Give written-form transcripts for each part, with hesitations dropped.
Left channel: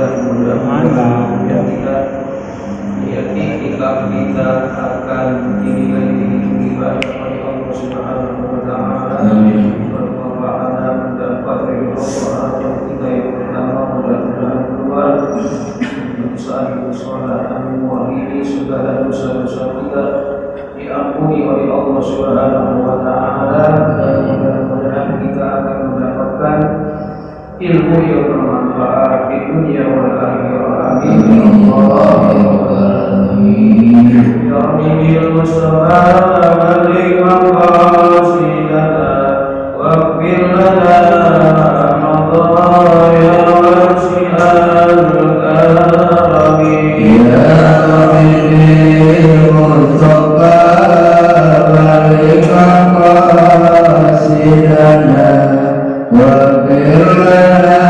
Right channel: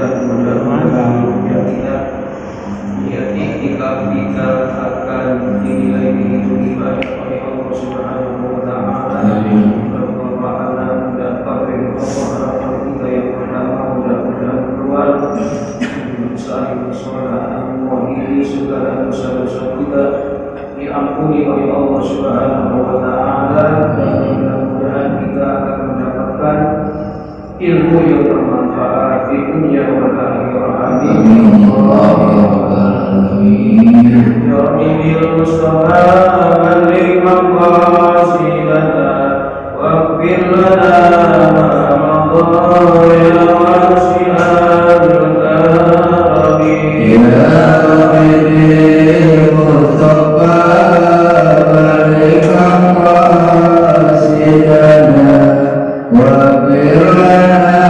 mudah-mudahan kita itikaf kita akan dinilai lebih baik oleh Allah Subhanahu wa Ta'ala. Dan fakir Allah kita yang pertama mudah-mudahan keluar saat sholat mewakili segala dosa-dosa kita diampuni oleh Allah Subhanahu wa Ta'ala, dan mudah-mudahan kita akan mendapatkan ilmu yang bermanfaat di dunia wal akhirah. Amin. Ya Rabbi bil Mustafa balik maqasidana waghfir lana madaya wasi'al karami. Ya Rabbi bil Mustafa balik maqasidana waghfir lana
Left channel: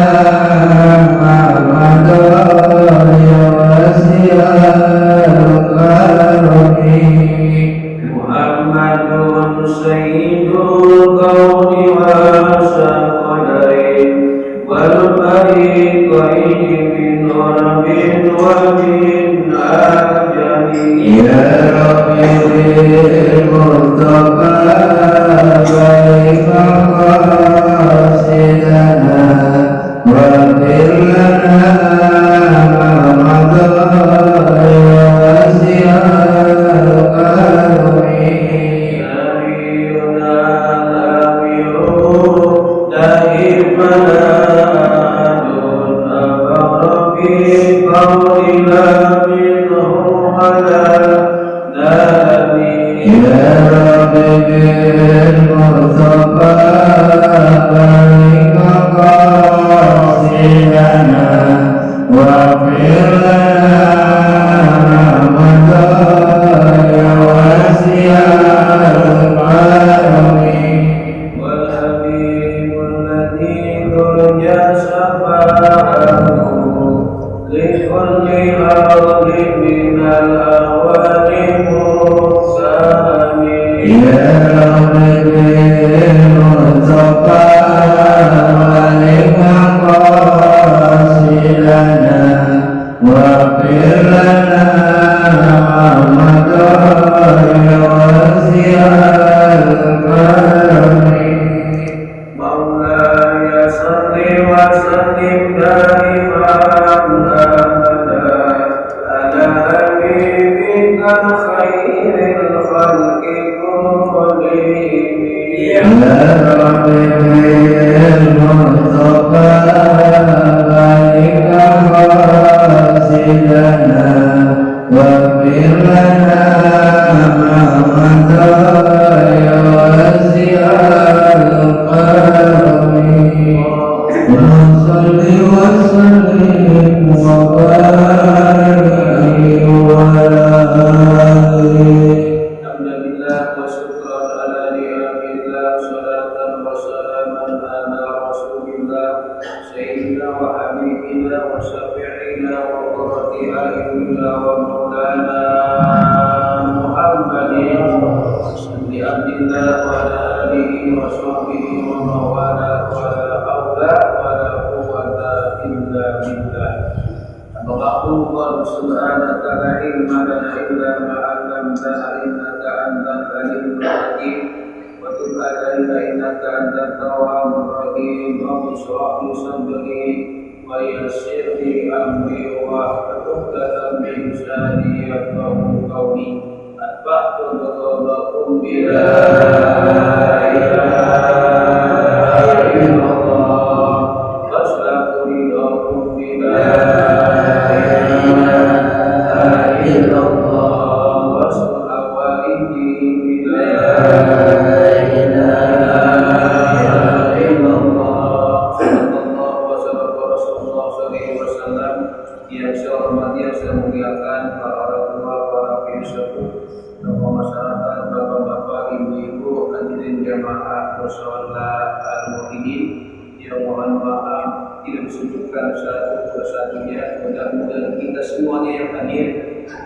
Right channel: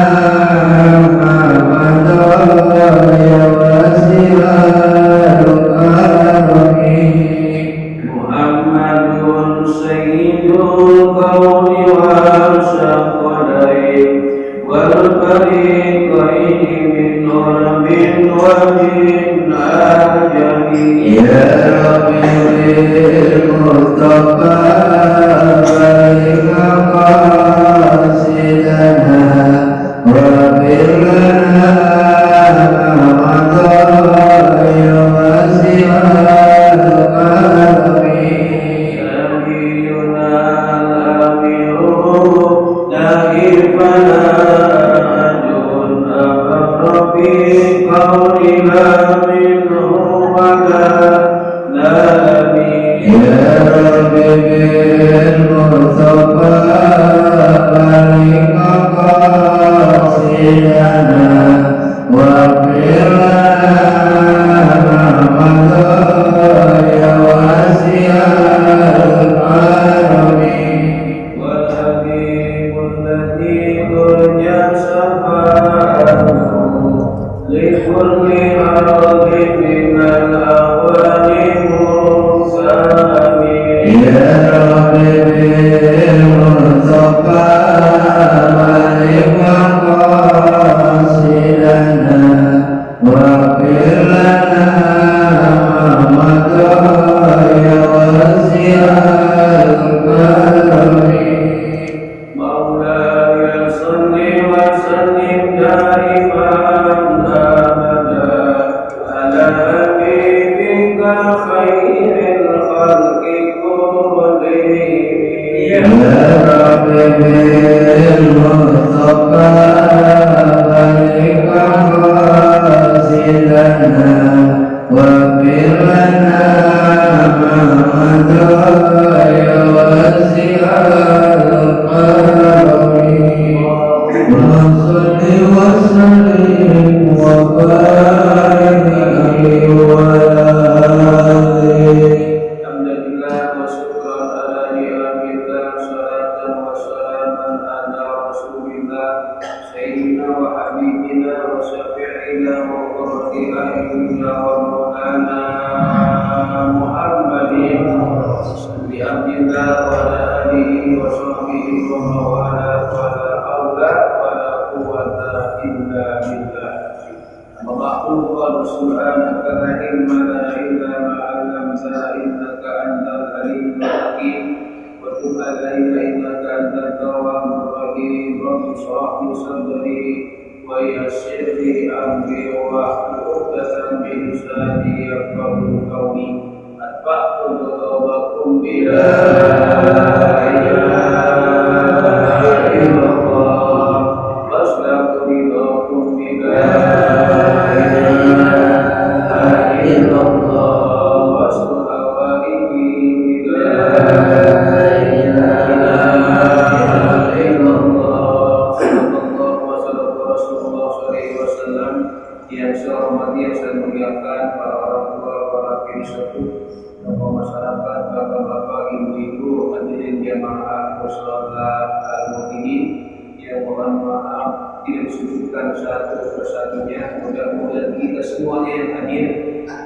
Mudah-mudahan kita semuanya yang hadir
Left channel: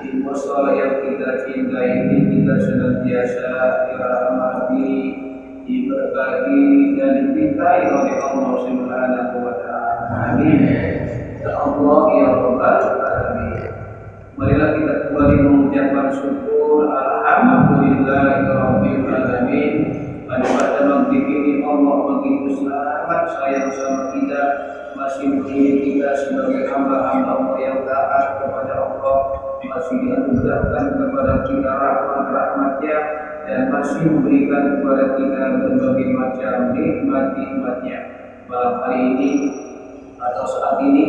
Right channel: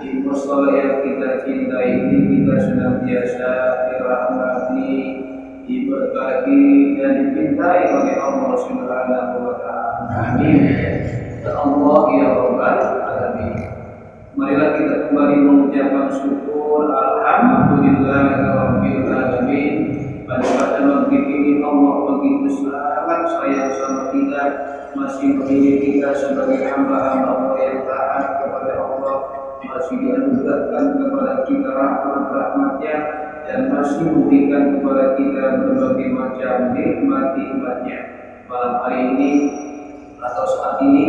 di mushola yang kita cintai ini, kita senantiasa dirahmati, diberkahi dan dicintai oleh Allah Subhanahu wa Ta'ala. Amin. Allah ya Rabbal Alamin. Marilah kita kembali mengucapkan syukur alhamdulillahirabbil alamin. Pada maghrib ini Allah begitu sangat sayang sama kita, masih mendidik kita sebagai hamba-hamba Allah yang taat kepada Allah, masih dianugerahkan kepada kita rahmat-rahmatnya, dan masih memberikan kepada kita berbagai macam nikmat-nikmatnya. Malam hari ini atau saat ini,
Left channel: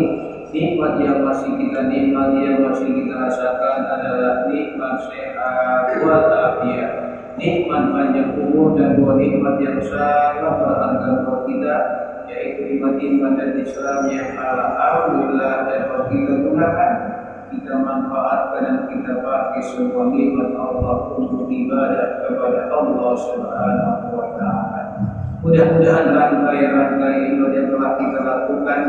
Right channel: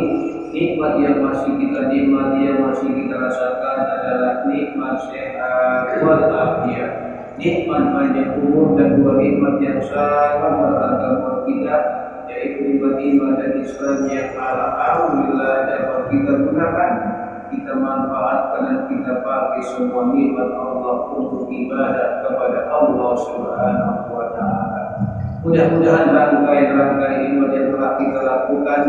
nikmat yang masih kita nikmati, yang masih kita rasakan adalah nikmat sehat walafiat, nikmat panjang umur, dan dua nikmat yang sangat berharga buat kita, yaitu nikmat iman dan Islam yang alhamdulillah dapat kita gunakan, kita manfaatkan, dan kita pakai semua nikmat Allah untuk ibadah kepada Allah Subhanahu wa Ta'ala. Mudah-mudahan rangkaian ibadah yang telah kita lakukan,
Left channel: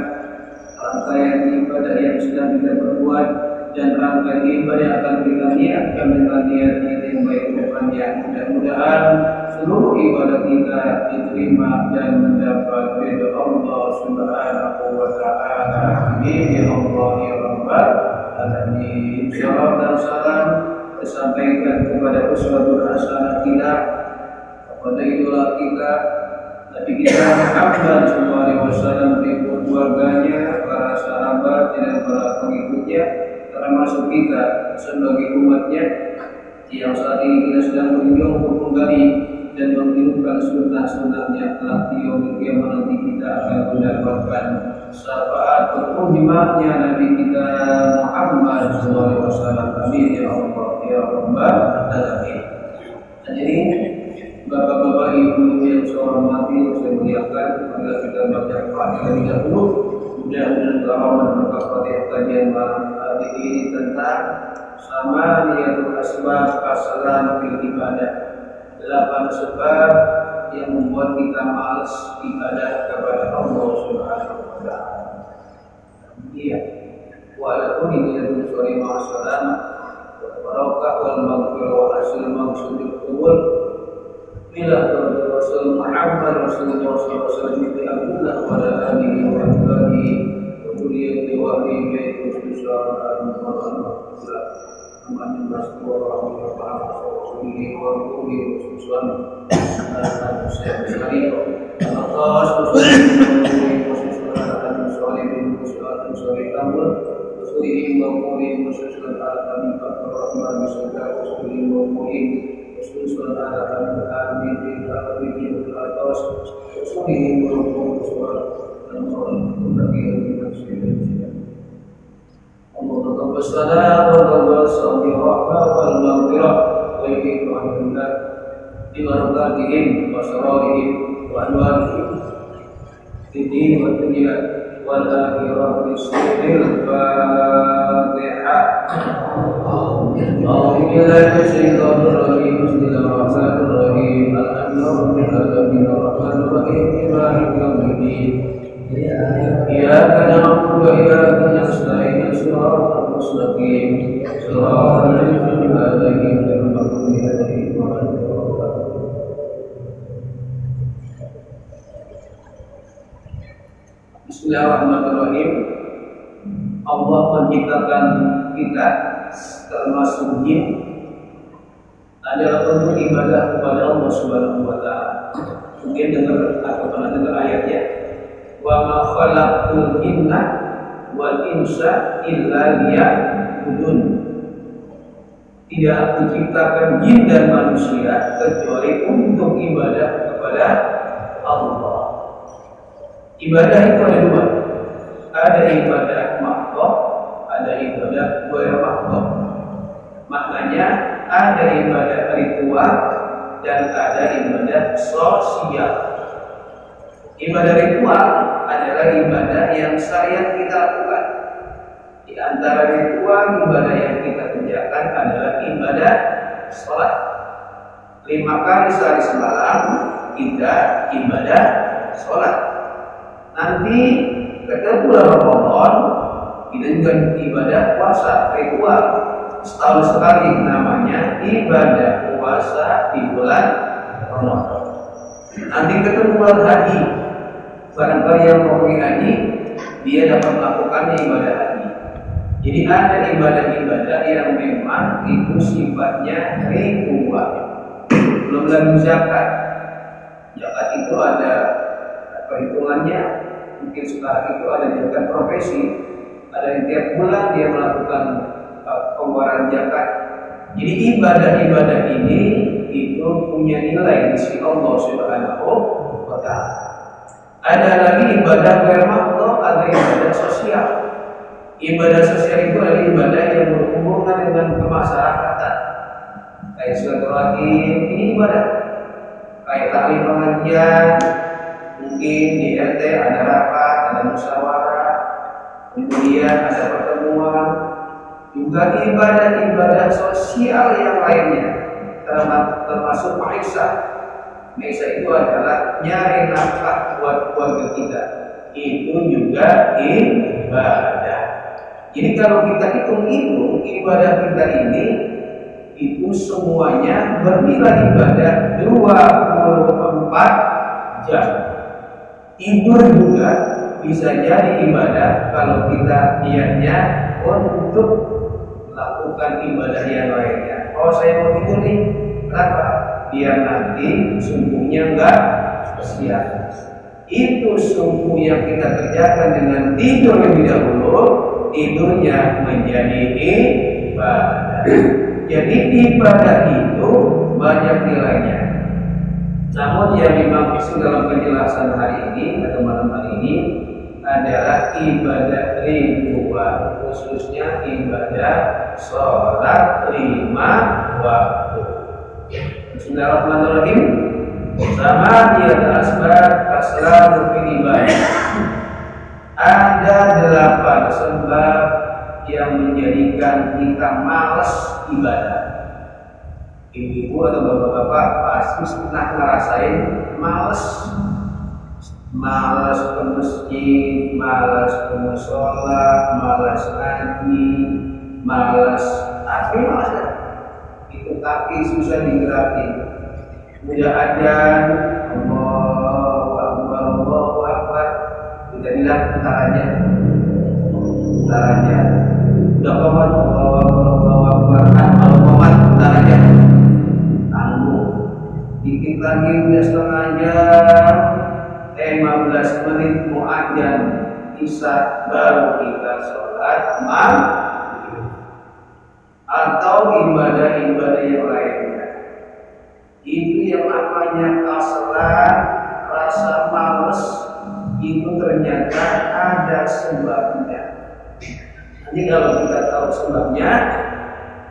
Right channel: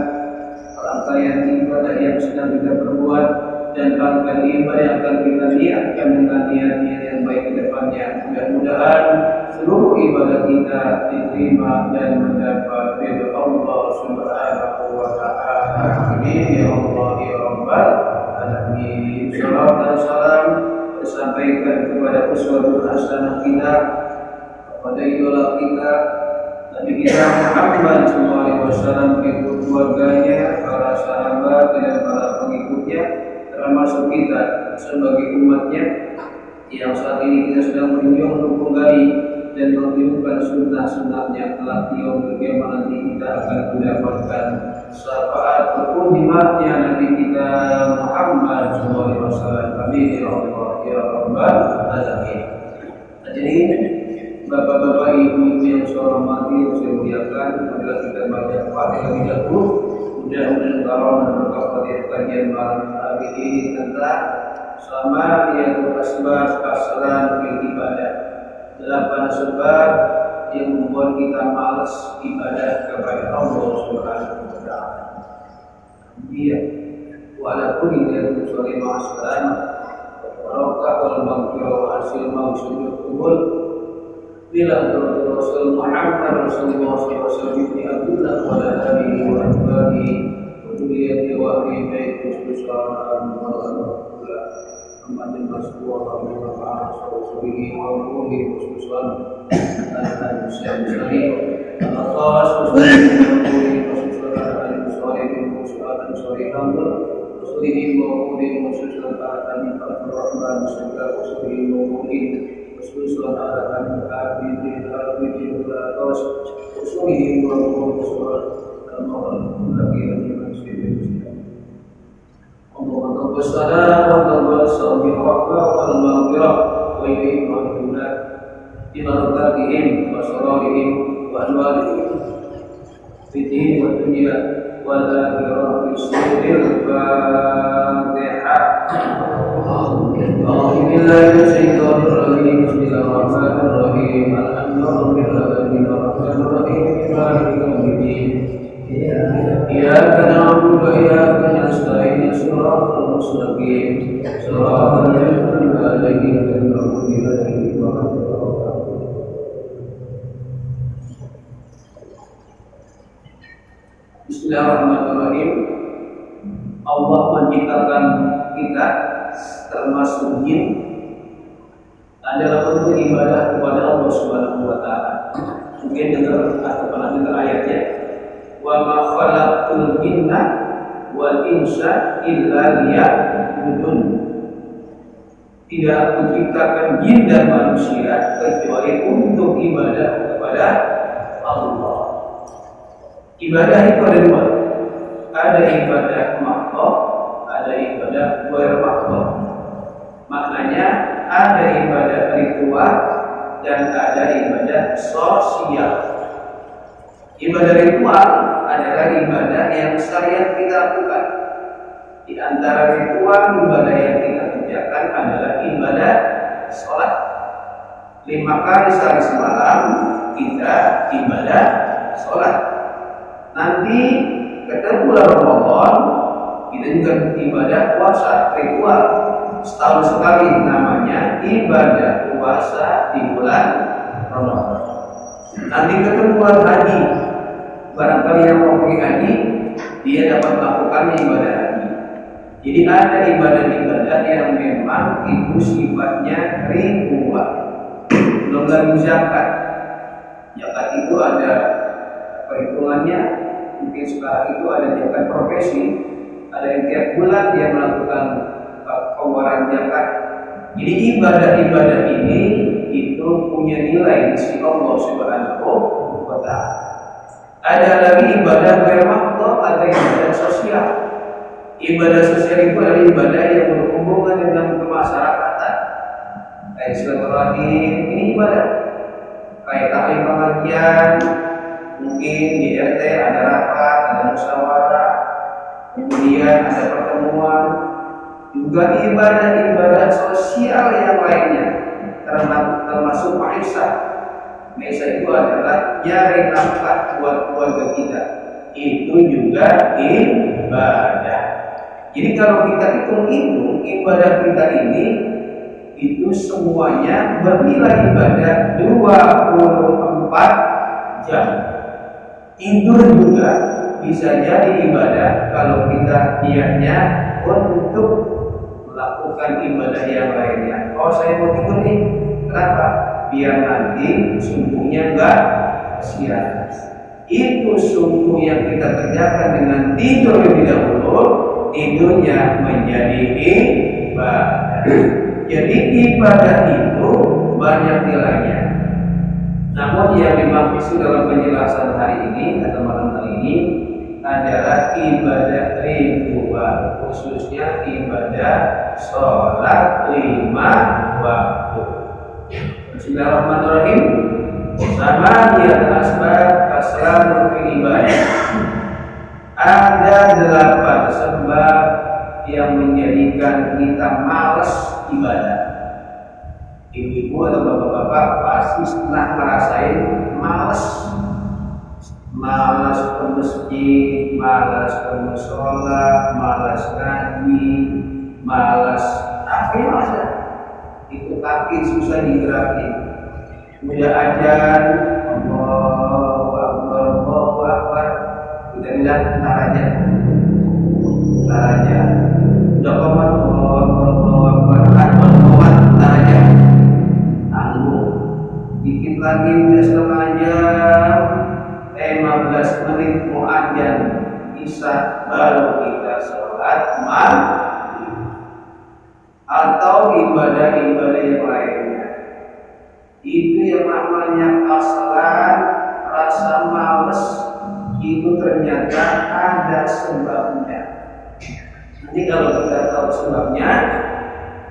rangkaian ibadah yang sedang kita perbuat, dan rangkaian ibadah yang akan kita niatkan dengan niat-niat yang baik ke depannya, mudah-mudahan seluruh ibadah kita diterima dan mendapat ridha Allah Subhanahu wa Ta'ala. Amin ya Allah ya Rabbal Alamin. Salam dan salam disampaikan kepada uswatun hasanah kita, kepada idola kita Nabi kita Muhammad SAW, ikut keluarganya, para sahabat dan para pengikutnya, termasuk kita sebagai umatnya yang saat ini kita sedang berjuang untuk menggali dan menghidupkan sunnah-sunnahnya. Kelak di yaumul qiyamah nanti kita akan mendapatkan syafaat berkunjungnya Nabi kita Muhammad SAW. Amin ya Allah ya Rabbal Alamin. Jadi bapak-bapak, ibu-ibu yang saya hormati, saya muliakan, marilah kita baca Fatihah terlebih dahulu. Mudah-mudahan Allah memberkati kajian malam hari ini tentang samaniyatul asbab asalan fil ibadah. 8 sebab yang membuat kita malas ibadah kepada Allah Subhanahu wa Ta'ala. Iya, walaupun ini sore masalah barokah wal maghfirah wa hasil maksudul qubul bila Rasul Muhammad Rasulullah SAW di Abdullah wa alihi wa ashabihi wa dzurriyyati wa ahli khususan al-Muhammad Muhammad Rasulullah wa alihi wa khususan al-Musayyib al-Atas khususan al-Musayyib al-Musayyib Rasulih wa mu'min khususan al-Habib al-Rahman bismillah Rasulih wa mu'min khususan al-Habib al-Habib al-Atas Rasulih wa mu'min khususan al-Habib Allahumma wassalam wa tawassalam wal maghfirah wa yu'minuna bi barakatihim wa sararihim wa anwarihim fi din wa dunya wal akhirah bismillahil fatihah. Bismillahirrahmanirrahim. Bismillahirrahmanirrahim. Alhamdulillahirabbil alamin arrahmanir rahim maliki yaumiddin. Iyyaka na'budu wa iyyaka nasta'in shiratal mustaqim shiratal ladzina an'amta 'alaihim ghairil maghdubi 'alaihim waladdallin. Bismillahirrahmanirrahim. Allah menciptakan kita termasuk jin adalah untuk ibadah kepada Allah Subhanahu wa Ta'ala. Mungkin dengar atau pernah dengar ayatnya, wa ma khalaqtul jinna wal insa illa liya'budun. Tidak aku ciptakan jin dan manusia kecuali untuk ibadah kepada Allah. Ibadah itu ada dua. Ada ibadah mahdhah, ada ibadah ghair mahdhah. Maknanya ada ibadah ritual dan ada ibadah sosial. Ibadah ritual adalah ibadah yang syariat kita lakukan. Di antara ritual ibadah yang kita kerjakan adalah ibadah sholat. 5 kali sehari semalam kita ibadah sholat. Nanti ketemu bulan Ramadan kita juga ibadah puasa ritual. Setahun sekali namanya ibadah puasa di bulan Ramadan. Nanti ketemu bulan haji. Barangkali yang mau pergi haji dia dapat melakukannya ibadah haji. Jadi ada ibadah-ibadah yang memang itu sifatnya ribuan. Belum lagi zakat. Zakat itu ada perhitungannya. Mungkin sekarang itu ada zakat profesi. Ada yang tiap bulan dia melakukan pengeluaran zakat. Jadi ibadah-ibadah ini itu punya nilai di sisi Allah Subhanahu wa Ta'ala. Ada lagi ibadah bermakna, ada ibadah sosial. Ibadah sosial itu adalah ibadah yang berhubungan dengan kemasyarakatan. Kayak silaturahim, ini ibadah. Kayak taklim pengajian, mungkin di RT ada rapat, ada musyawarah, kemudian ada pertemuan. Juga ibadah-ibadah sosial yang lainnya, termasuk maisha. Maisha itu adalah nyari nafkah buat keluarga kita. Itu juga ibadah. Jadi kalau kita hitung itu, ibadah kita ini itu semuanya bernilai ibadah 24 jam. Tidur juga bisa jadi ibadah kalau kita niatnya untuk melakukan ibadah yang lainnya. Oh, saya mau tidur nih. Kenapa? Biar nanti subuhnya enggak sia-sia. Itu subuh yang kita kerjakan dengan tidur lebih dahulu, tidurnya menjadi ibadah. Jadi ibadah itu banyak nilainya. Namun yang dimaksud dalam penjelasan hari ini atau malam hari ini adalah ibadah ribuan, khususnya ibadah sholat 5 waktu. Bismillahirrahmanirrahim. Sama dia asbab aslan fil ibadah. Ada 8 sebab yang menjadikan kita malas ibadah. Ibu-ibu atau bapak-bapak pasti pernah ngerasain malas. Malas ke masjid, malas ke mushola, malas ngaji, malas apa malas? Itu kaki susah digerakin. Udah ajan, Allahu Akbar, Allahu Akbar. Kita bilang ntar aja. Udah komat, Allahu Akbar, Allahu Akbar. Kalau komat ntar aja. Tangguh. Dikit lagi udah setengah jam. 15 menit mau ajan isya baru kita sholat maghrib atau ibadah-ibadah yang lainnya. Itu yang namanya kaslan, rasa males, itu ternyata ada sebabnya. Jadi kalau kita tahu sebabnya,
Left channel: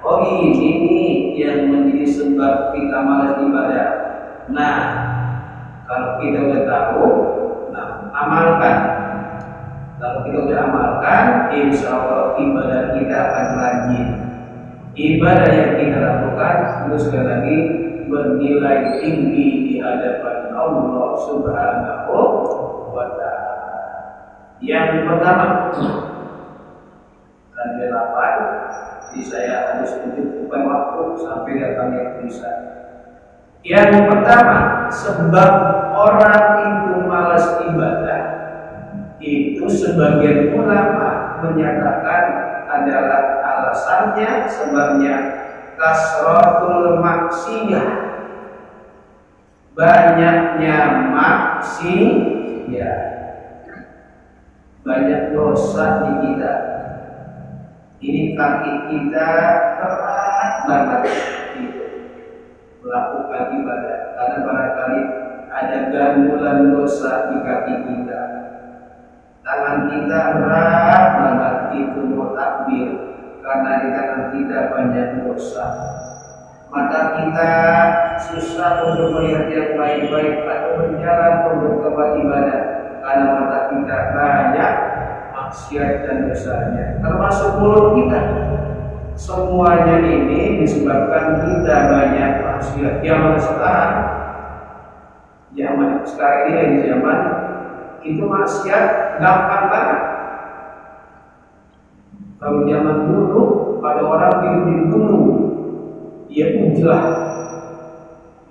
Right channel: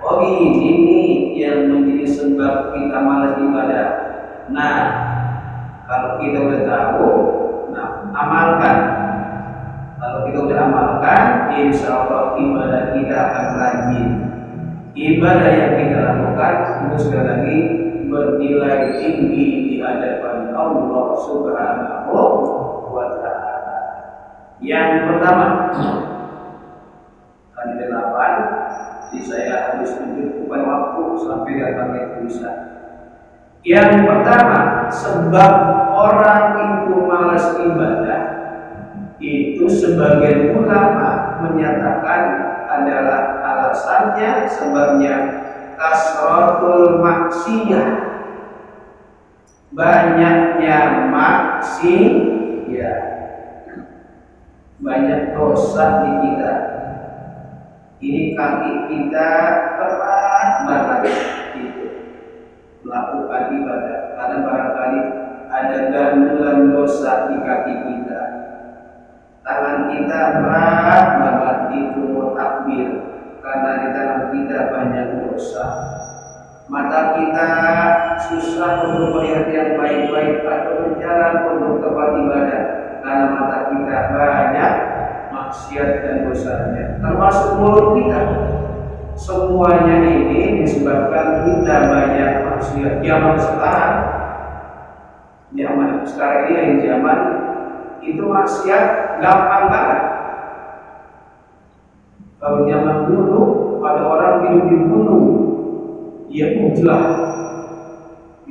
oh ini nih yang menjadi sebab kita malas ibadah. Nah, kalau kita udah tahu, nah amalkan. Kalau kita udah amalkan, insya Allah ibadah kita akan rajin. Ibadah yang kita lakukan itu sekali lagi bernilai tinggi di hadapan Allah Subhanahu wa Ta'ala. Yang pertama, tadi 8, jadi saya harus mencukupkan waktu sampai datangnya tulisan. Yang pertama, sebab orang itu malas ibadah itu sebagian ulama menyatakan adalah alasannya sebabnya kasratul maksiyah, banyaknya maksiat, banyak dosa di kita. Ini kaki kita berat banget melakukan ibadah karena barangkali ada gandulan dosa di kaki kita. Tangan kita berat banget itu mau takbir karena di tangan kita banyak dosa. Mata kita susah untuk melihat yang baik-baik atau berjalan untuk tempat ibadah karena mata kita banyak maksiat dan dosanya. Termasuk mulut kita. Semuanya ini disebabkan kita banyak maksiat. Zaman sekarang ini zaman itu maksiat gampang banget. Kalau zaman dulu pada orang hidup di gunung, dia ujlah,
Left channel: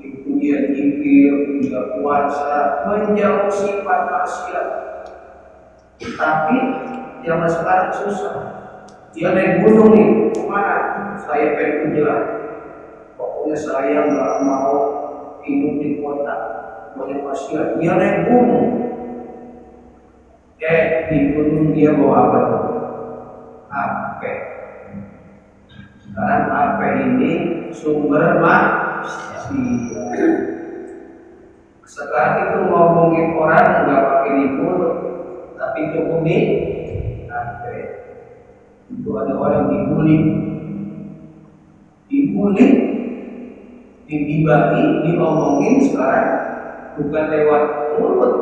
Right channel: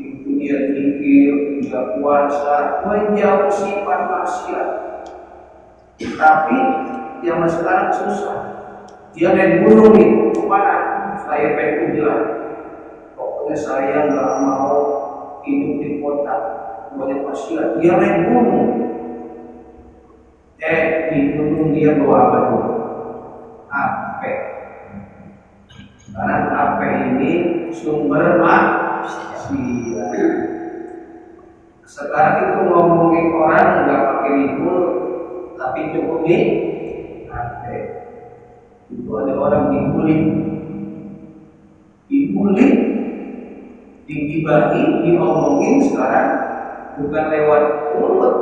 itu dia zikir, dia puasa, menjauh sifat maksiat. Tapi zaman sekarang susah. Dia naik gunung nih, kemana? Saya pengen bilang, pokoknya saya nggak mau hidup di kota banyak masyarakat. Dia naik gunung. Di gunung dia bawa apa tuh? HP. Karena HP ini sumber maksiat. Sekarang itu ngomongin orang nggak pakai libur, tapi cukup di HP. Itu ada orang dibully, digibahi, diomongin sekarang bukan lewat mulut,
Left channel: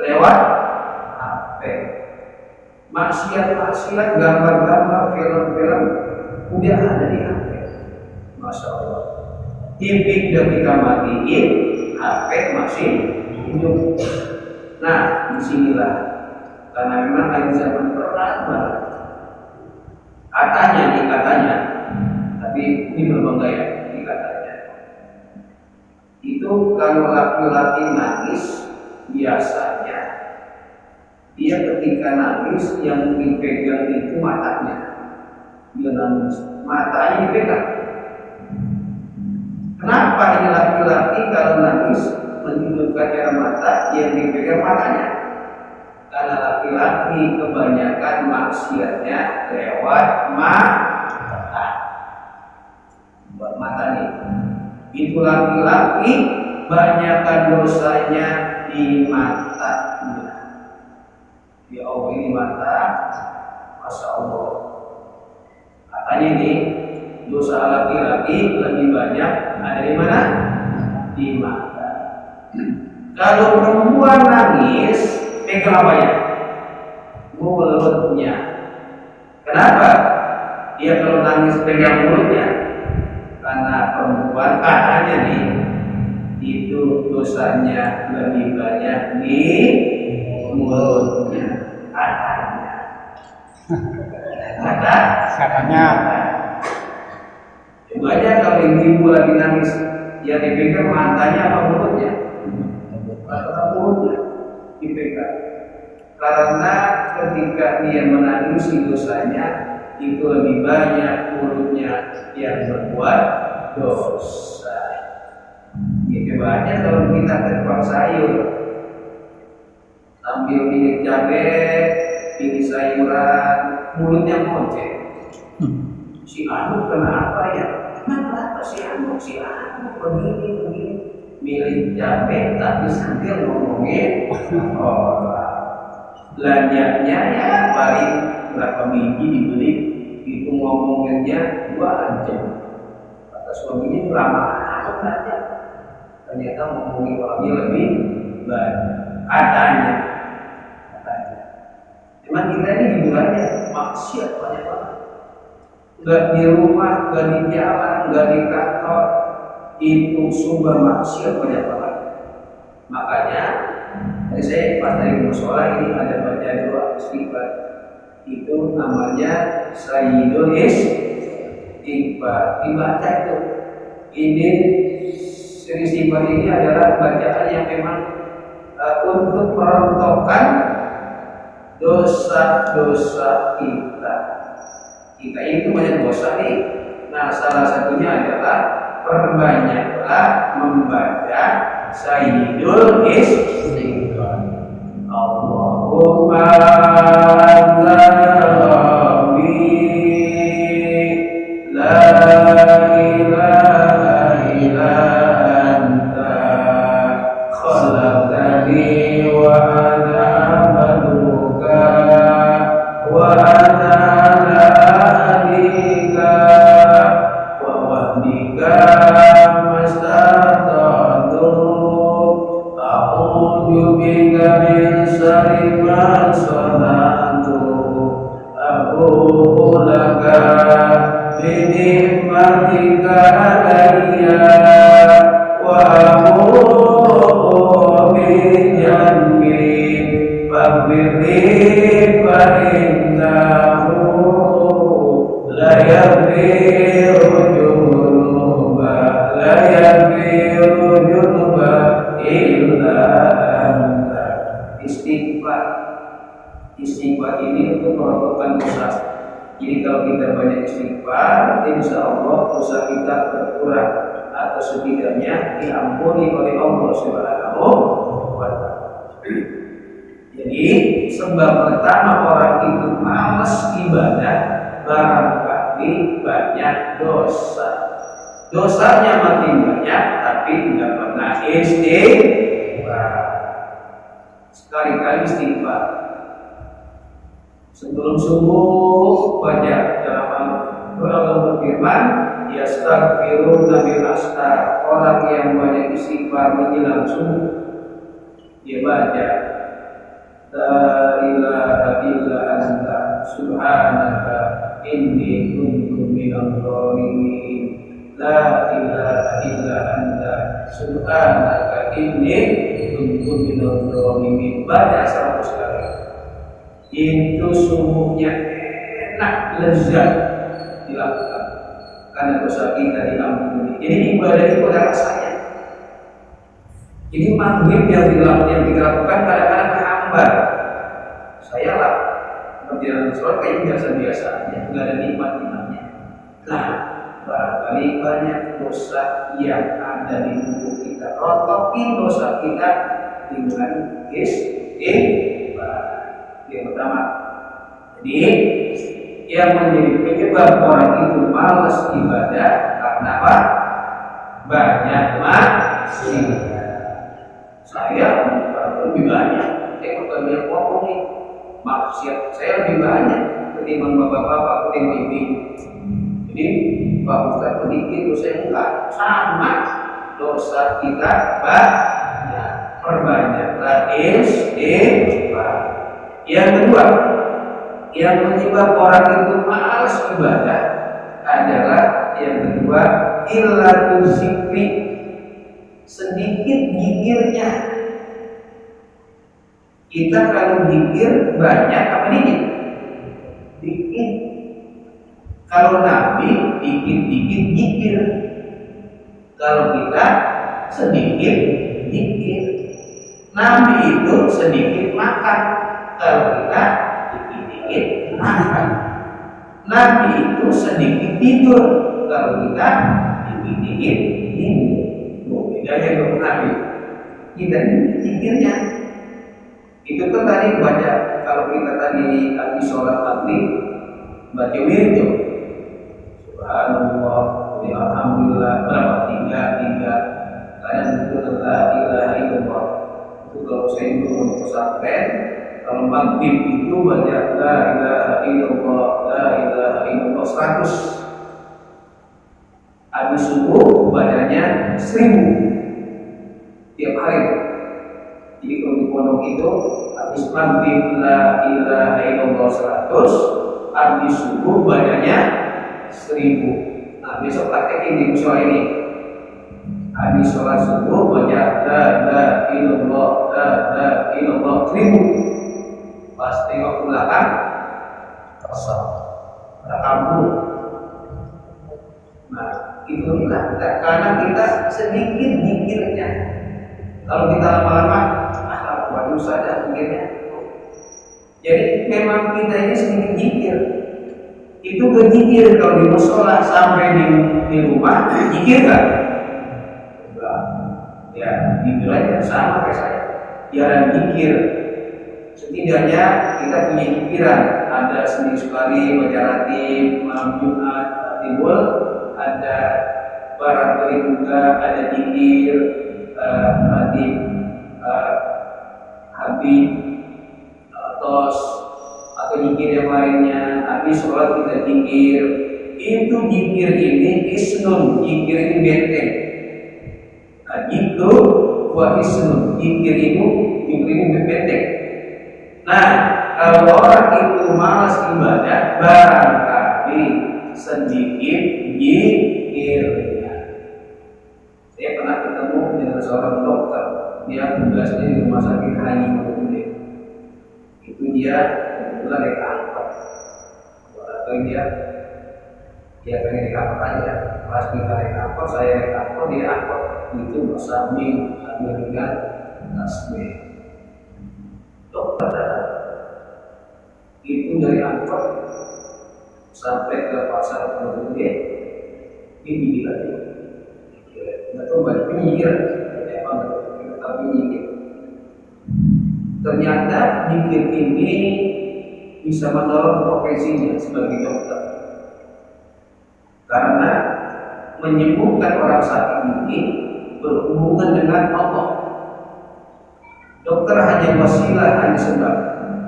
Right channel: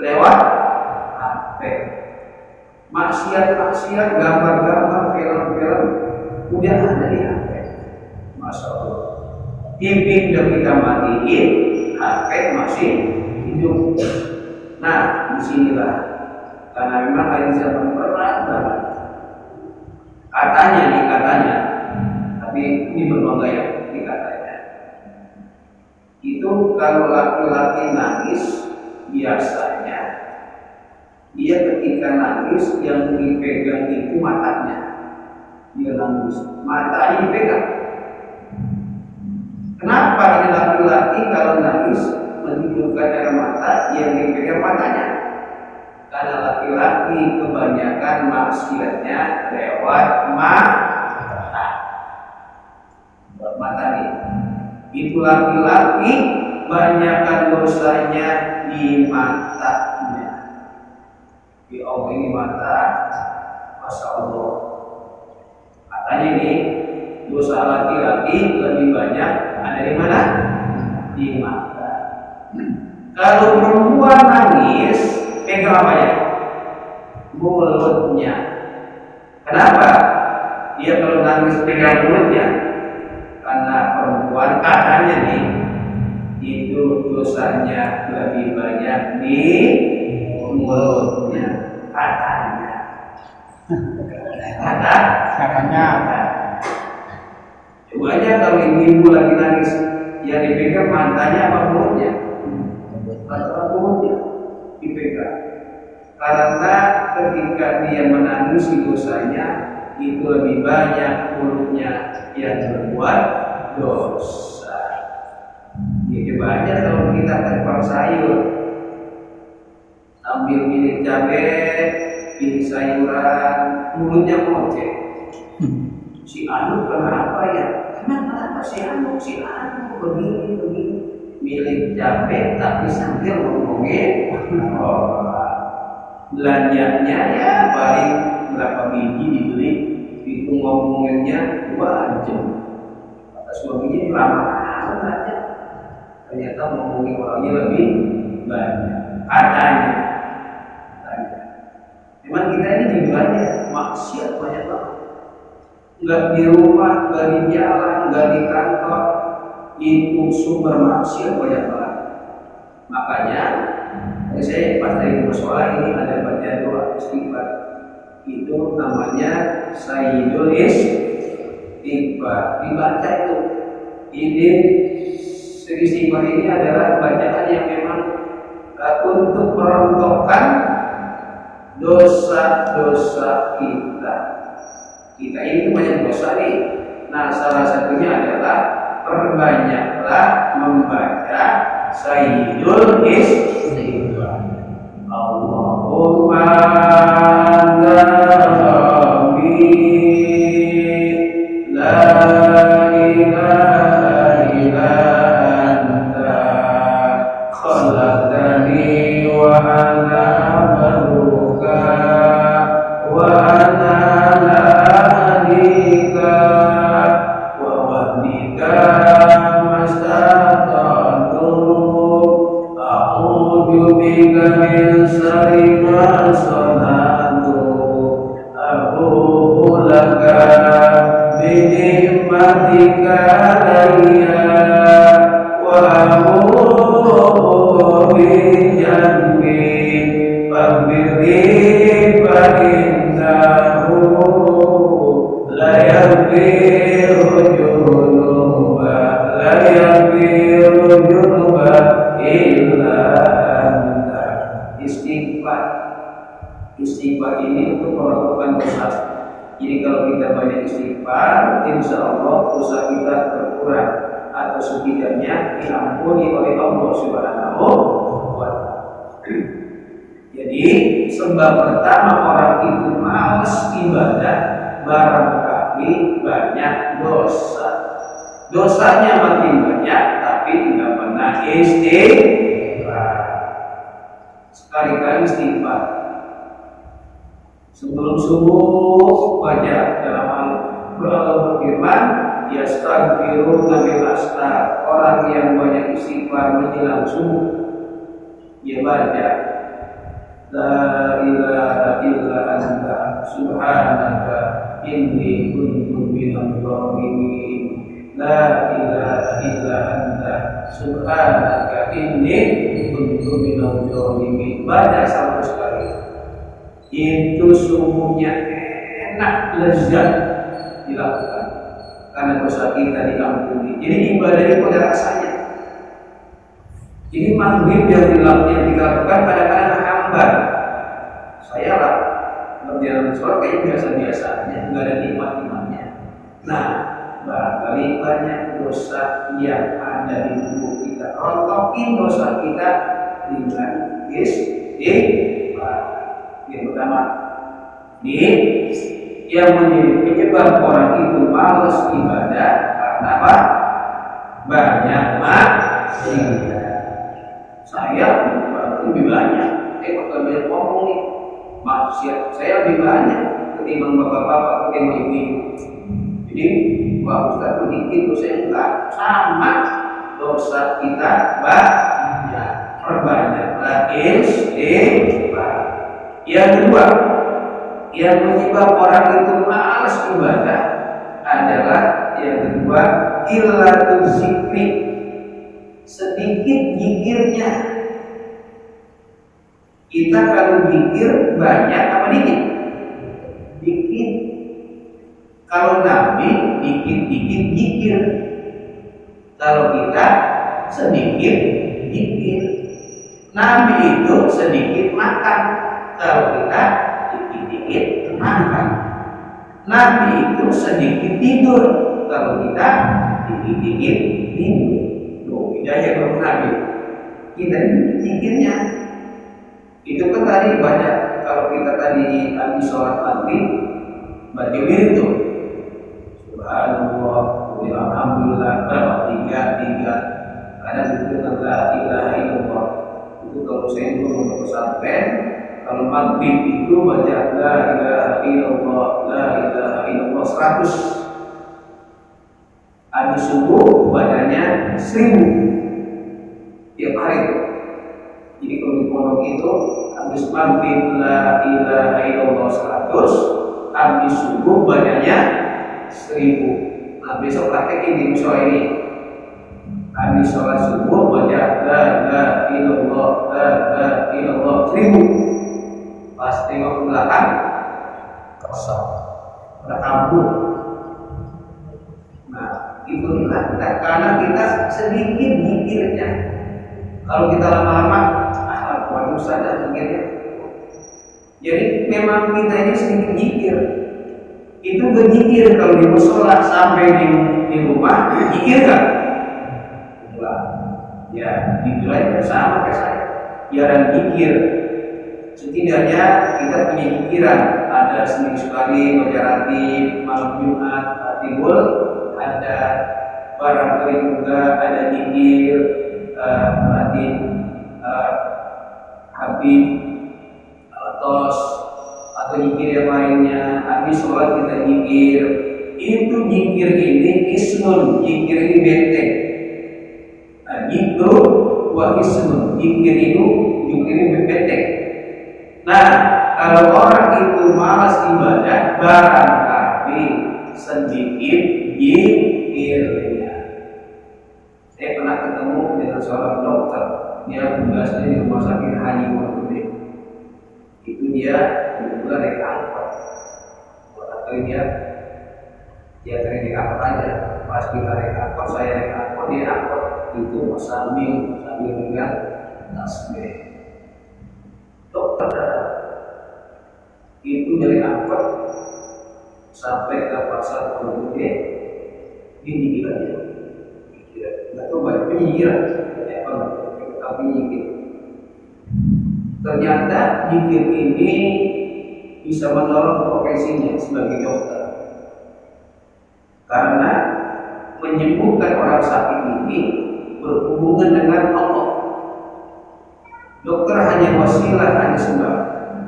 lewat HP. Maksiat, gambar-gambar, film-film udah ada di HP. Masya Allah. TV udah kita matiin, HP masih hidup. Nah, disinilah karena memang air zaman berat banget. Katanya, tapi ini berbangga ya, ini katanya. Itu kalau laki-laki nangis, biasanya dia ketika nangis yang dipegang itu matanya. Dia nangis, matanya dipegang. Kenapa ini laki-laki kalau nangis menghidupkan air mata yang dipegang matanya? Karena laki-laki kebanyakan maksiatnya lewat mata. Buat mata nih. Itu laki-laki banyakkan dosanya di matanya. Ya Allah, ini mata, Masya Allah. Katanya ini dosa laki-laki lebih banyak ada di mana? Di mata. Kalau perempuan nangis, pegang apa ya? Mulutnya. Kenapa? Dia kalau nangis pegang mulutnya, karena perempuan katanya nih itu dosanya lebih banyak di mulutnya. Katanya. Coba aja kalau ibu lagi nangis, ya dipegang matanya apa mulutnya? Mulutnya dipegang. Karena ketika dia menangis dosanya itu lebih banyak mulutnya yang berbuat dosa. Ya coba aja kalau kita ke tukang sayur, ambil milik cabai, pilih sayuran, mulutnya ngoceh. Si Anu kenapa ya? Emang kenapa si Anu begini? Milih cabai tapi sambil ngomongin belanjanya ya paling berapa biji dibeli, itu ngomonginnya 2 jam. Kata suaminya lama aja. Ternyata ngomongin orangnya lebih banyak. Katanya. Memang kita ini hiburannya maksiat banyak banget. Enggak di rumah, enggak di jalan, enggak di kantor, itu sumber maksiat banyak banget. Makanya saya pas dari musola ini ada baca doa istighfar. Itu namanya Sayyidul Istighfar. Dibaca itu. Ini istighfar ini adalah bacaan yang memang untuk merontokkan dosa-dosa kita. Kita ini banyak dosa nih. Nah, salah satunya adalah perbanyaklah membaca Sayyidul Istighfar. Allahumma rabbi la ilaha illa anta khalaqtani wa ana abduka wa ana ala ahdika wa wahdika bika min syarri ma sana'tu ini untuk merotokkan dosa. Jadi kalau kita banyak istighfar, insya Allah dosa kita berkurang atau setidaknya diampuni oleh Allah Subhanahu wa Ta'ala. Jadi sebab pertama orang itu malas ibadah barangkali banyak dosa. Dosanya makin banyak tapi tidak pernah istighfar. Sekali-kali istighfar. Sebelum subuh baca dalam Allah berfirman, yastaghfiruna bil astar. Orang yang banyak istighfar menjelang subuh dia baca la ilaha illa anta subhanaka inni kuntu minadh dhalimin. La ilaha illa anta subhanaka inni kuntu minadh dhalimin. Baca 100 kali. Itu sungguhnya enak, lezat dilakukan karena dosa kita diampuni. Jadi ibadah itu ada rasanya. Jadi maghrib yang kita lakukan kadang-kadang menghambat. Saya lah berjalan sholat kayak biasa-biasa aja, nggak ada nikmat-nikmatnya. Nah, barangkali banyak dosa yang ada di tubuh kita. Rontokin dosa kita dengan istighfar. Yang pertama, jadi yang menjadi penyebab orang itu malas ibadah karena apa? Banyak maksiat. Saya lebih banyak. Saya banyak ngomong nih, maksiat saya lebih banyak ketimbang bapak-bapak, ketimbang ibu. Jadi Pak Ustaz sedikit, dosa enggak sama. Dosa kita banyak. Perbanyaklah istighfar. Yang kedua, yang menyebab orang itu malas ibadah adalah yang kedua, qillatul zikri, sedikit zikirnya. Kita kalau zikir banyak apa dikit? Dikit. Kalau Nabi dikit-dikit zikir. Kalau kita sedikit zikir. Nabi itu sedikit makan. Kalau kita dikit-dikit makan. Nabi itu sedikit tidur. Kalau kita dikit-dikit tidur. Loh, bedanya dengan Nabi. Kita dikit-dikitnya. Itu kan tadi baca. Kalau kita tadi habis sholat maghrib baca wirid tuh. Subhanallah, alhamdulillah, berapa? Tiga. Kadang itu la ilaha illallah. Itu kalau saya belum mau pesantren. Kalau maghrib itu baca la ilaha illallah, la ilaha illallah 100. Habis subuh bacanya 1000 tiap hari. Jadi kalau di pondok itu habis maghrib la ilaha illallah 100, habis subuh bacanya 1000. Nah besok praktekin di musola ini. Habis sholat subuh baca la ilaha illallah, la ilaha illallah 1000. Pas tengok ke belakang kosong, ada kabur. Nah itulah karena kita sedikit mikirnya. Kalau kita lama-lama waduh saja mikirnya. Jadi memang kita ini sedikit mikir. Itu berzikir kalau di musola sampai di rumah zikir kan? Ya, dibilang sama kayak saya. Jarang zikir. Setidaknya kita punya pikiran. Ada seminggu sekali baca ratib, malam Jumat, timbul, ada barangkali juga ada zikir, ratib, habib, tos, atau zikir yang lainnya. Habis sholat kita zikir. Itu zikir ini isnun, zikir ini benteng. Itu wa isnun, zikir itu benteng. Nah, kalau orang itu malas ibadah, barangkali sedikit zikirnya. Saya pernah ketemu dengan seorang dokter, dia tugasnya di rumah sakit Haji Pondok. Itu dia kebetulan naik angkot. Barangkali dia pengen naik angkot aja. Pas kita naik angkot, saya naik angkot, dia angkot. Itu sambil dengan tasbih. Dokter itu dari angkot sampai ke pasar Pondok Gede pinggiran ya, nggak tahu banyak pinggiran, apa nggak tapi nyikir. Ternyata nyikir ini bisa menolong profesinya sebagai dokter, karena menyembuhkan orang sakit ini berhubungan dengan Allah. Dokter hanya wasilah, hanya sebab.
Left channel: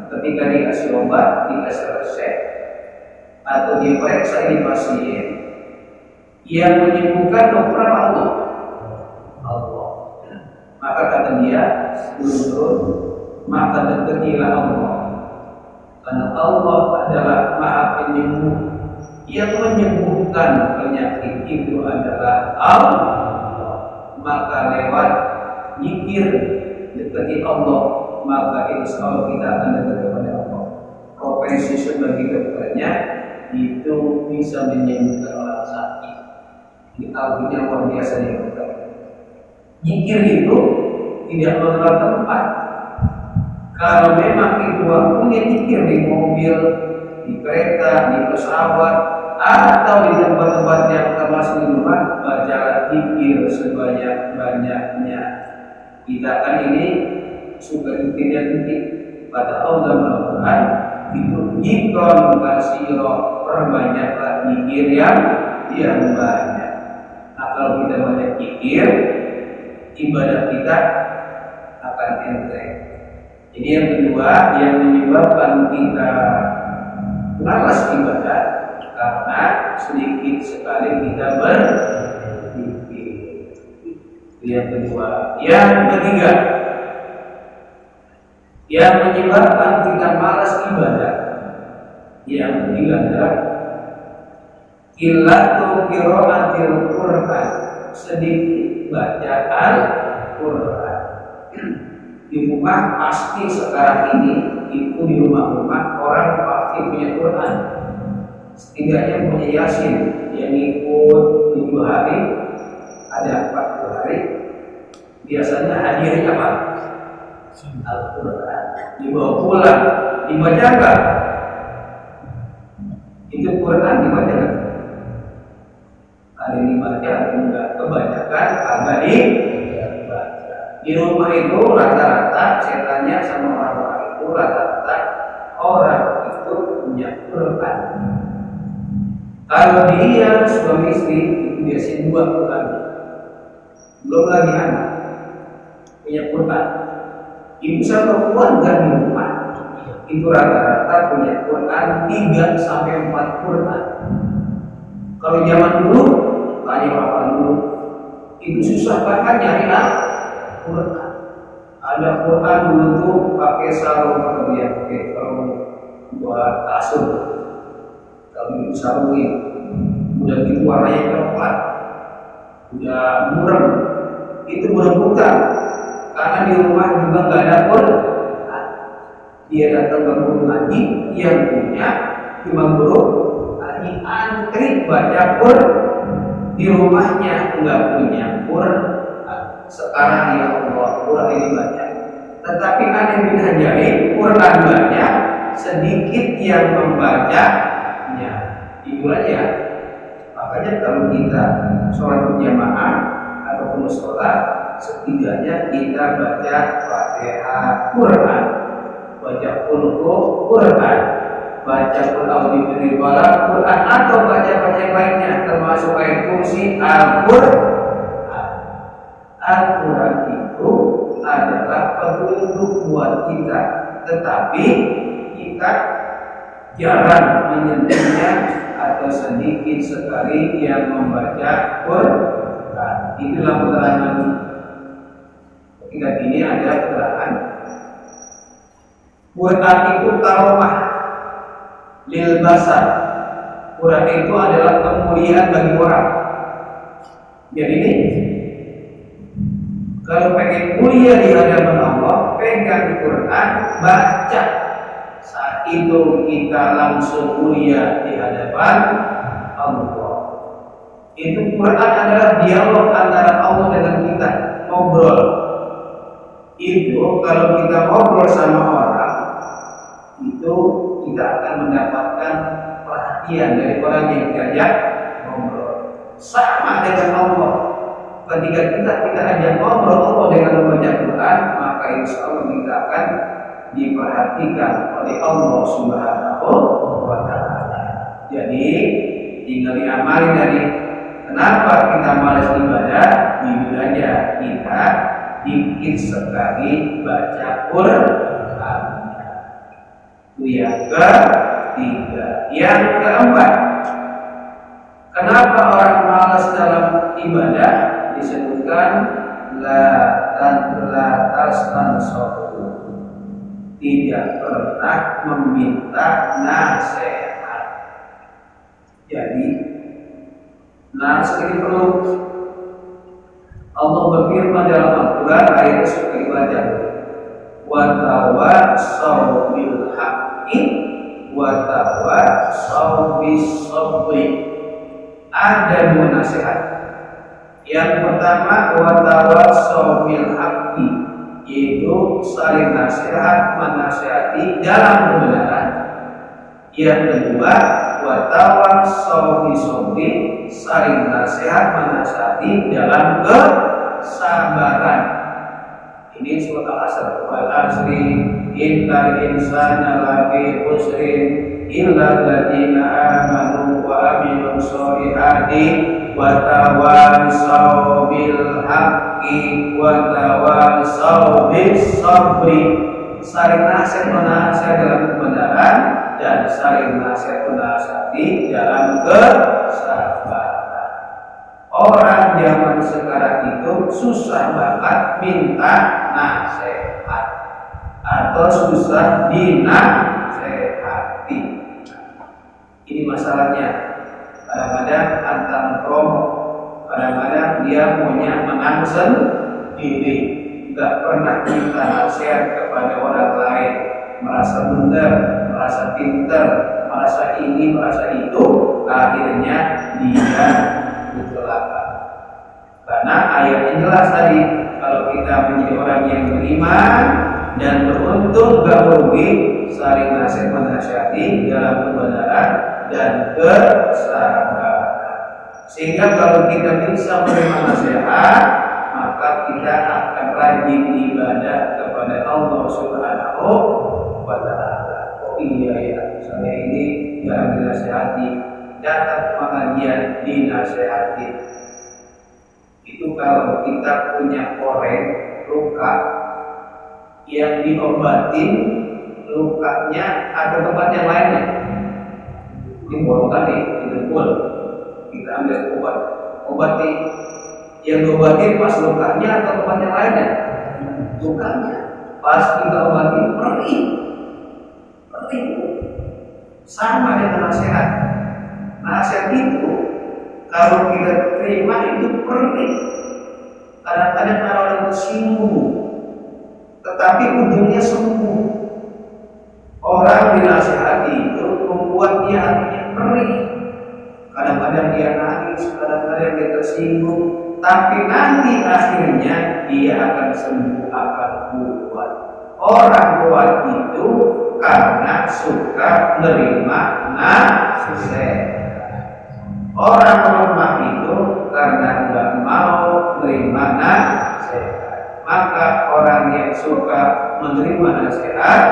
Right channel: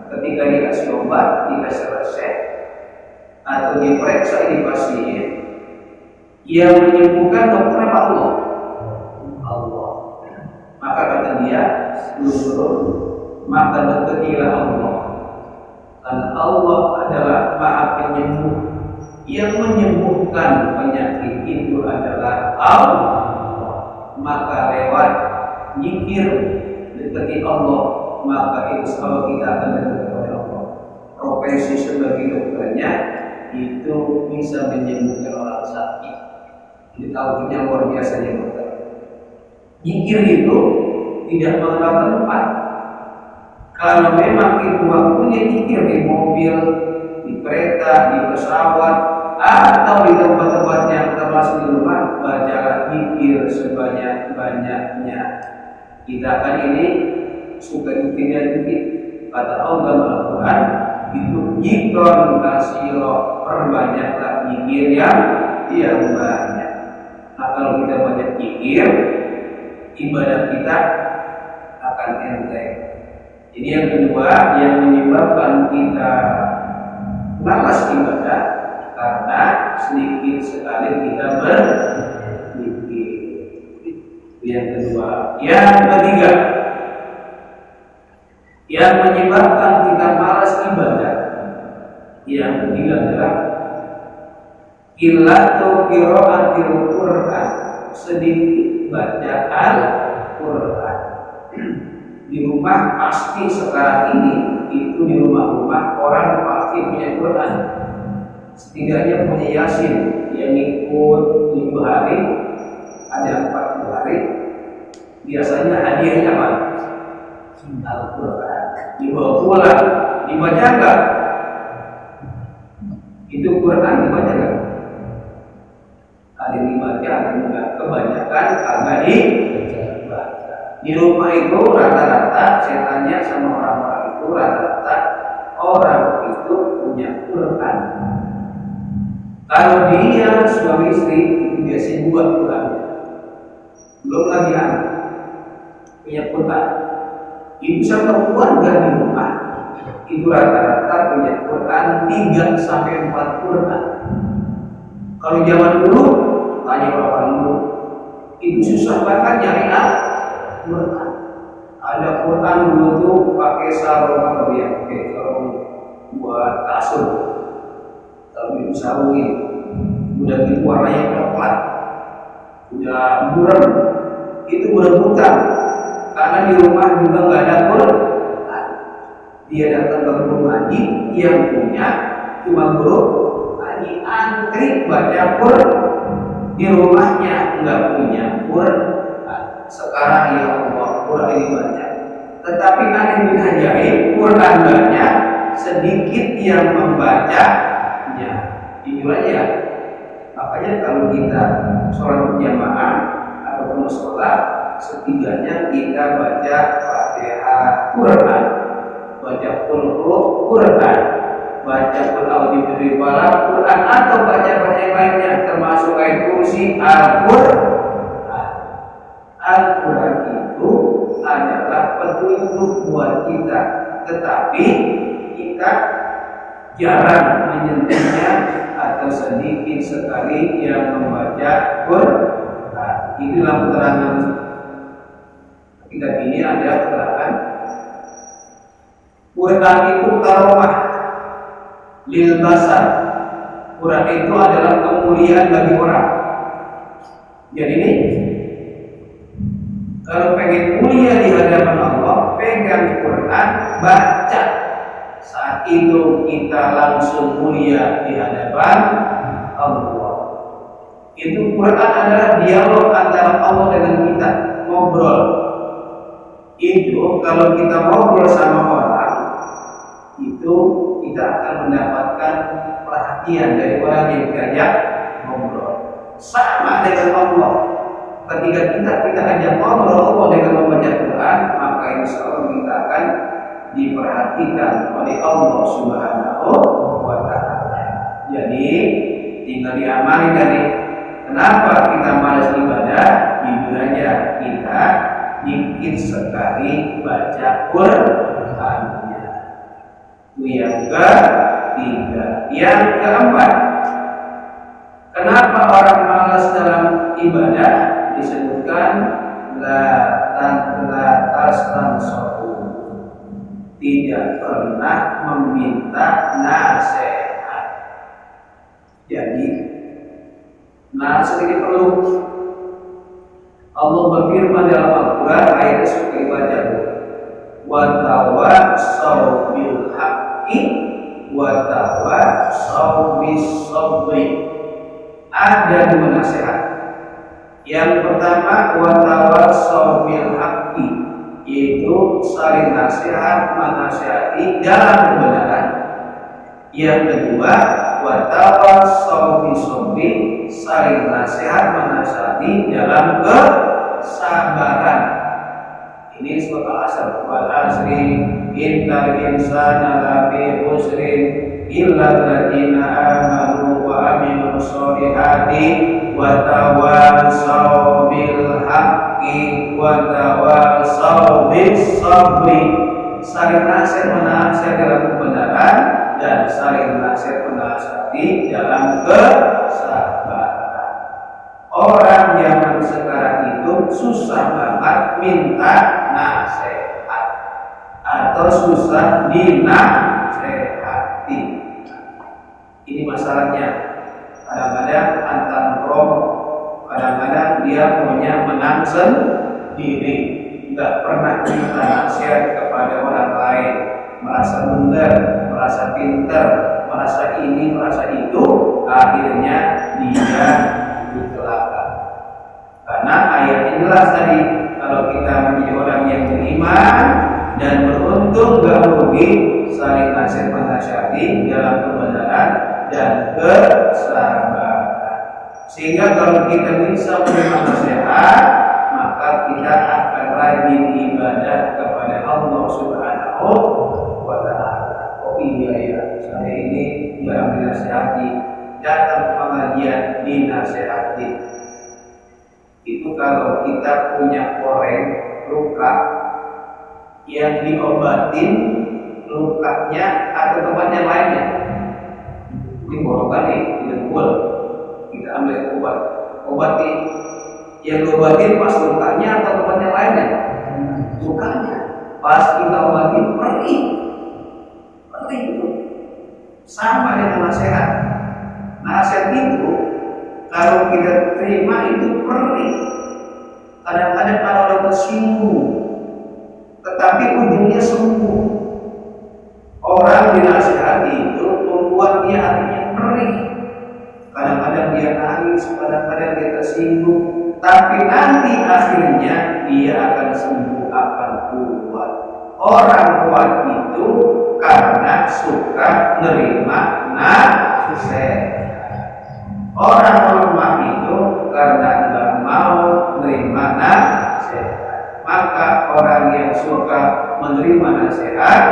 Ketika dikasih obat, dikasih resep, atau diperiksa ini pasien, yang menyembuhkan dokter apa Allah? Allah. Maka kata dia, turun, maka dekatilah Allah. Karena Allah adalah Maha Penyembuh. Yang menyembuhkan penyakit itu adalah Allah. Maka lewat zikir dekati Allah, maka insya Allah kita akan dekat kepada Allah. Profesi sebagai dokternya itu bisa menyembuhkan orang sakit. Ditahuinya luar biasanya dokter. Zikir itu tidak mengenal tempat. Kalau memang itu waktunya zikir di mobil, di kereta, di pesawat, atau di tempat-tempat yang termasuk di rumah, bacalah zikir sebanyak-banyaknya. Kita kan ini suka zikirnya dikit. Kata Allah Al-Quran, itu zikron kasiro, perbanyaklah zikir yang banyak. Nah, kalau kita banyak zikir, ibadah kita akan enteng. Jadi yang kedua yang menyebabkan kita malas ibadah karena sedikit sekali kita berzikir. Itu yang kedua. Yang ketiga, yang menyebabkan kita malas ibadah, yang ketiga adalah qillatu qiraatil Qur'an, sedikit bacaan Quran. Di rumah pasti sekarang ini itu di rumah-rumah orang pasti punya Quran, setidaknya punya Yasin yang ikut 7 hari, ada 40 hari. Biasanya hadiahnya apa? Al-Quran. Dibawa pulang, dibaca enggak? Itu Quran dibaca enggak? Ada yang dibaca, ada yang enggak. Kebanyakan agak dibaca. Di rumah itu rata-rata saya tanya sama orang-orang itu, rata-rata orang itu punya Quran. Kalau dia suami istri itu biasanya 2 Quran, belum lagi anak punya Quran. Ibu sama keluarga di rumah itu rata-rata punya Quran 3 sampai 4 Quran. Kalau zaman dulu, tanya orang dulu, itu susah banget nyari Quran. Ada Quran dulu tuh pakai sarung atau dia pakai sarung buat kasur. Kalau itu sarungin, udah gitu warnanya coklat, udah buram, itu udah buta. Karena di rumah juga nggak ada Quran. Dia datang ke guru ngaji, yang punya cuma guru ngaji, antri baca Quran. Di rumahnya nggak punya Quran. Sekarang ya Allah, Quran ini banyak. Tetapi aneh bin ajaib, Quran banyak, sedikit yang membacanya. Jujur aja. Makanya kalau kita sholat berjamaah ataupun sholat, setidaknya kita baca Fatihah Quran, baca Quran, baca Quran, atau baca yang lainnya, termasuk ayat kursi Al-Quran itu adalah petunjuk buat kita, tetapi kita jarang menyentuhnya atau sedikit sekali yang membaca Quran. Inilah keterangan. Kita ini ada keterangan Quran itu karomah lil basar. Quran itu adalah kemuliaan bagi orang. Jadi ini kalau pengen mulia di hadapan Allah, pegang Quran, baca. Saat itu kita langsung mulia di hadapan Allah. Itu Quran adalah dialog antara Allah dengan kita, ngobrol. Itu kalau kita ngobrol sama orang, itu kita kita akan mendapatkan perhatian dari orang yang diajak ngobrol. Sama dengan Allah. Ketika kita ajak ngobrol Allah dengan membaca Quran, maka insya Allah kita akan diperhatikan oleh Allah Subhanahu wa Ta'ala. Jadi tinggal diamali tadi. Kenapa kita malas ibadah? Jujur aja, kita dikit sekali baca Qurannya. Itu yang ketiga. Yang keempat, kenapa orang malas dalam ibadah? Disebutkan la tastansahu, tidak pernah meminta nasihat. Jadi nasihat ini perlu. Allah berfirman dalam Al-Quran ayat seperti baca, wa tawassaw bil haqqi wa tawassaw bis sabri. Ada dua nasihat. Yang pertama wa tawassaw bil haqqi, yaitu saling nasihat menasihati dalam kebenaran. Yang kedua wa tawassaw bis sabri, saling nasihat menasihati dalam kesabaran. Ini surat Al-Asr, wal asri innal insana lafi khusrin illa alladziina aamanu wa amilus sholihati wa tawassaw bil haqqi wa tawassaw bis sabri. Saling nasihat menasihati dalam kebenaran dan saling nasihat menasihati dalam kesabaran. Orang zaman sekarang itu susah banget minta nasihat atau susah dinasehati. Ini masalahnya. Kadang-kadang antar promo, kadang-kadang dia maunya menang sendiri, nggak pernah minta nasihat kepada orang lain, merasa benar, merasa pintar, merasa ini, merasa itu, akhirnya dia celaka. Karena ayatnya jelas tadi, kalau kita menjadi orang yang beriman dan beruntung gak rugi, saling nasihat menasihati dalam kebenaran dan kesabaran. Sehingga kalau kita bisa menerima nasihat, maka kita akan rajin ibadah kepada Allah Subhanahu wa Ta'ala. Oh iya ya, saya ini jarang dinasihati, datang pengajian dinasehati. Itu kalau kita punya koreng luka yang diobatin lukanya atau tempat yang lainnya, ini borongkan nih, didengkul, kita ambil obat nih, yang diobatin pas lukanya atau tempat yang lainnya, lukanya pas kita obatin perih itu sama dengan nasihat. Nasihat itu kalau kita terima itu perih. Kadang-kadang ada orang tersinggung, tetapi ujungnya sembuh. Orang dinasihati itu membuat dia hatinya perih. Kadang-kadang dia nangis, kadang-kadang dia tersinggung, tapi nanti akhirnya dia akan sembuh, akan kuat. Orang kuat itu karena suka menerima nasihat. Orang lemah itu karena nggak mau menerima nasihat. Maka orang yang suka menerima nasihat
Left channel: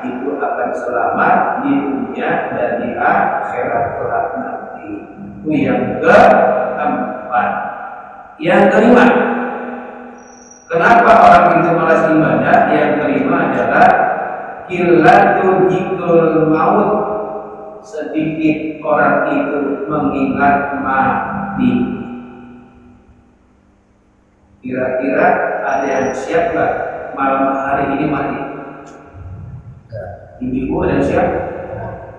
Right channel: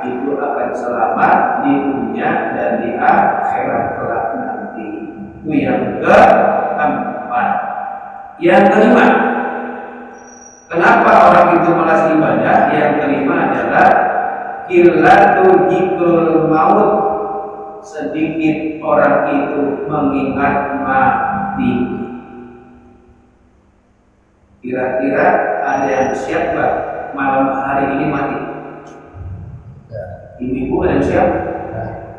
itu akan selamat di dunia dan di akhirat kelak nanti. Itu yang keempat. Yang kelima, kenapa orang itu malas ibadah? Yang kelima adalah qillatu dzikrul maut. Sedikit orang itu mengingat mati. Kira-kira ada yang siap gak malam hari ini mati? Ibu-ibu ada yang siap?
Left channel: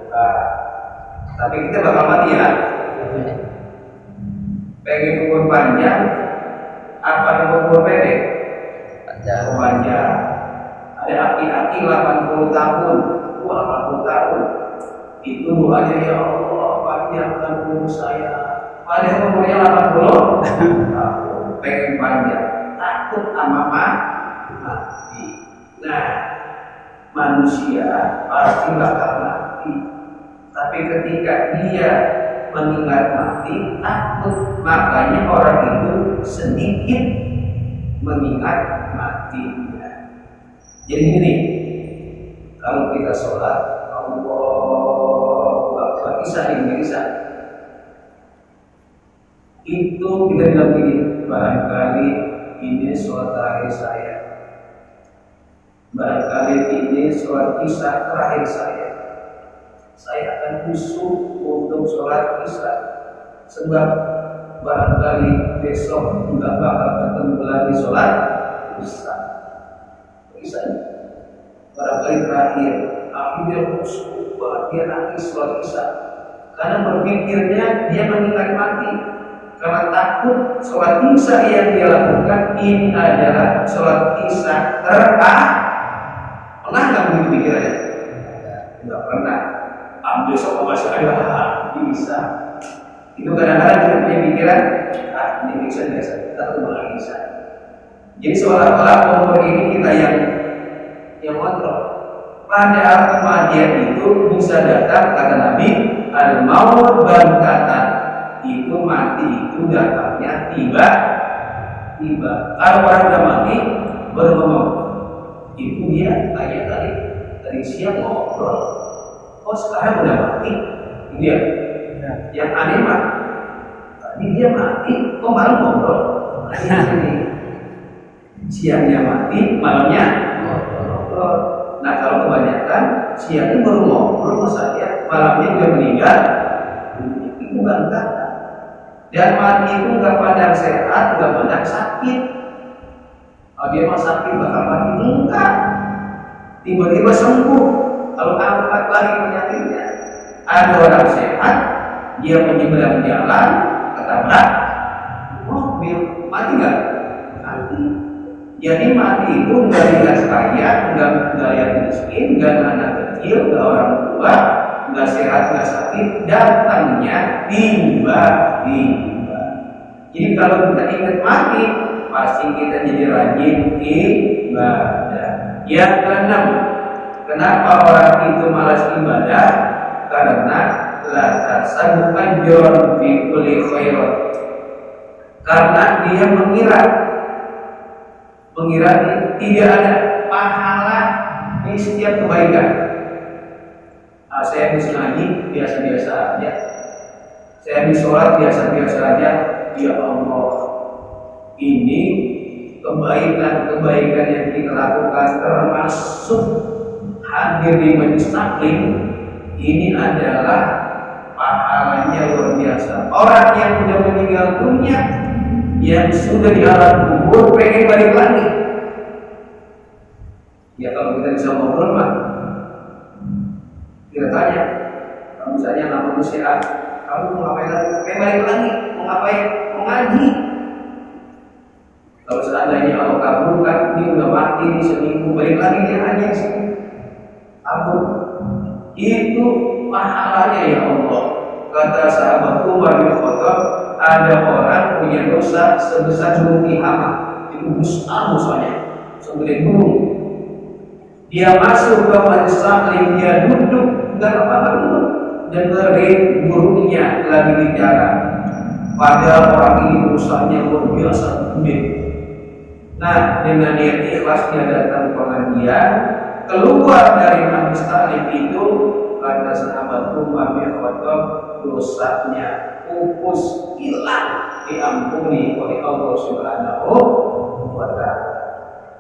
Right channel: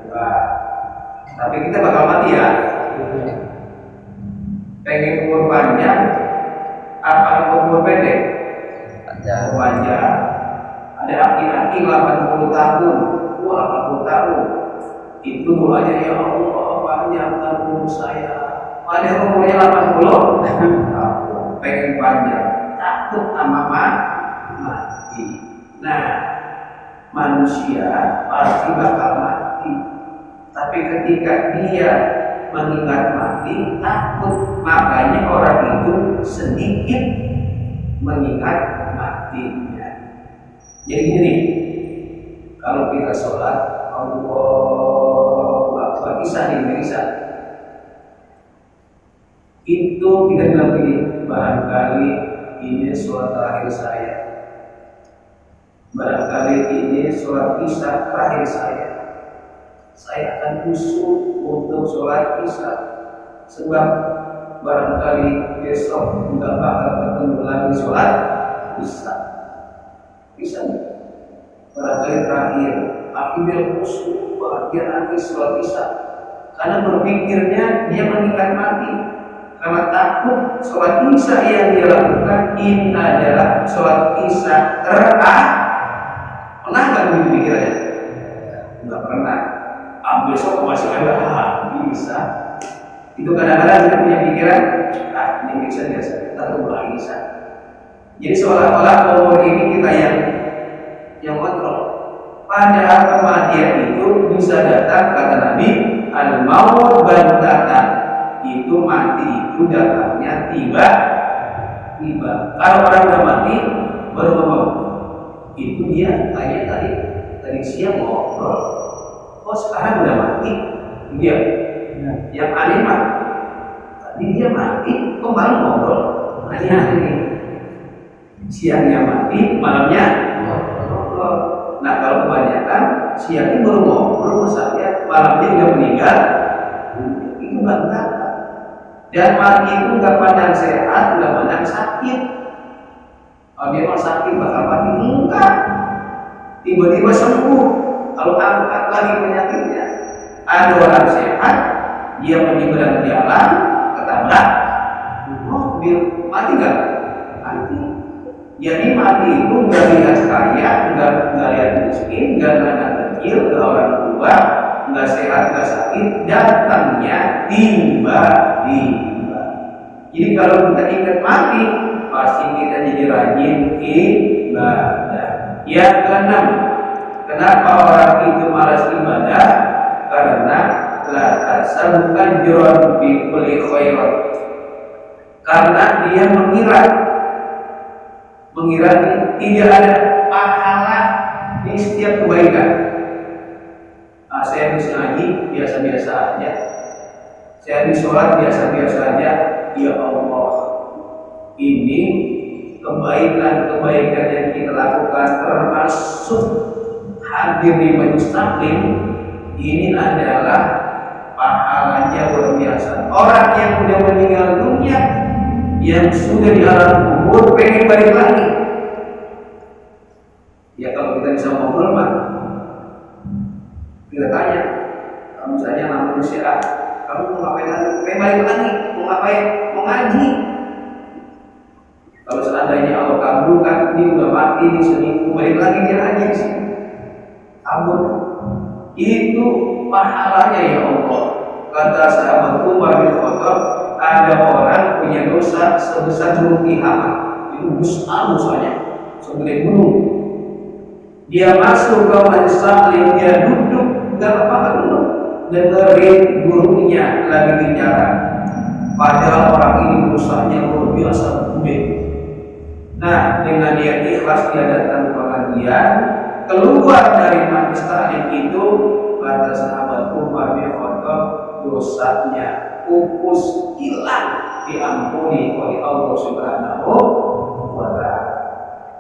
Nah, tapi kita bakal mati ya. Pengen umur panjang apa umur pendek? Panjang. Ada aki-aki 80 tahun. 80 tahun. Itu doanya, ya Allah panjangkan umur saya. Padahal umurnya 80 tahun, pengen panjang, takut sama mati. Nah, manusia pasti bakal mati. Tapi ketika dia mengingat mati, takut. Makanya orang itu sedikit mengingat matinya. Jadi gini, kalau kita sholat, Allahu Akbar, Isya itu kita bilang begini, barangkali ini sholat terakhir saya, barangkali ini sholat Isya terakhir saya akan khusyuk untuk sholat Isya, sebab barangkali besok nggak bakal ketemu lagi sholat Isya. Barangkali terakhir, akhirnya khusyuk, dia nangis sholat Isya, karena berpikirnya dia mengingat mati. Karena takut sholat Isya yang dia lakukan ini adalah sholat Isya terakhir. Pernah nggak begitu pikirannya? Nggak pernah. Besok masih ada bisa. Itu kadang-kadang kita punya pikiran, ini bisa biasa, kita mulai bisa. Jadi seolah-olah umur ini kita yang kontrol. Padahal kematian itu bisa datang, kata Nabi, al-maut bantatan. Itu mati itu datangnya tiba-tiba. Kalau orang udah mati baru ngomong. Itu dia tanya tadi siang ngobrol. Oh sekarang udah mati. Dia yang aneh mah tadi dia mati, kok malam ngobrol. Siangnya mati, malamnya ngobrol. Nah kalau kebanyakan siangnya baru ngobrol saja, malamnya udah meninggal. Itu bantah. Dan mati itu nggak pandang sehat, nggak pandang sakit. Oh, dia mau sakit bakal mati, enggak. Tiba-tiba sembuh. Kalau angkat lagi penyakitnya. Ada orang sehat, dia menyeberang jalan, ketabrak mobil, mati nggak? Mati. Jadi mati itu nggak lihat kaya, nggak lihat miskin, nggak anak kecil, nggak orang tua, nggak sehat, nggak sakit, datangnya tiba-tiba. Jadi kalau kita ingat mati, pasti kita jadi rajin ibadah. Yang keenam, kenapa orang itu malas ibadah? Karena la tasabukan jon bi kulli khairat. Karena dia mengira tidak ada pahala di setiap kebaikan. Saya habis ngaji biasa-biasa aja, saya habis sholat biasa-biasa aja. Ya Allah, ini kebaikan yang kita lakukan termasuk hadir di majelis taklim, ini adalah pahalanya luar biasa. Orang yang sudah meninggal dunia, yang sudah di alam kubur, pengen balik lagi. Ya kalau kita bisa ngobrol mah, kita tanya, kamu saja nama manusia, kamu mau ngapain lagi? Pengen balik lagi, mau ngapain? Mau ngaji. Kalau seandainya Allah kabulkan, dia udah mati di seminggu, balik lagi dia ngaji di sini. Kabul. Itu pahalanya ya Allah. Kata sahabat Umar bin Khattab, ada orang punya dosa sebesar gunung Tihamah. Itu besar dosanya, segede gunung. Dia masuk ke majelis taklim, dia duduk, gak apa-apa duduk, dengerin gurunya lagi bicara. Padahal orang ini dosanya luar biasa gede. Nah, dengan niat ikhlas dia datang pengajian, keluar dari majelis taklim itu, kata sahabat Umar bin Khattab, dosanya pupus, hilang, diampuni oleh Allah Subhanahu wa Ta'ala.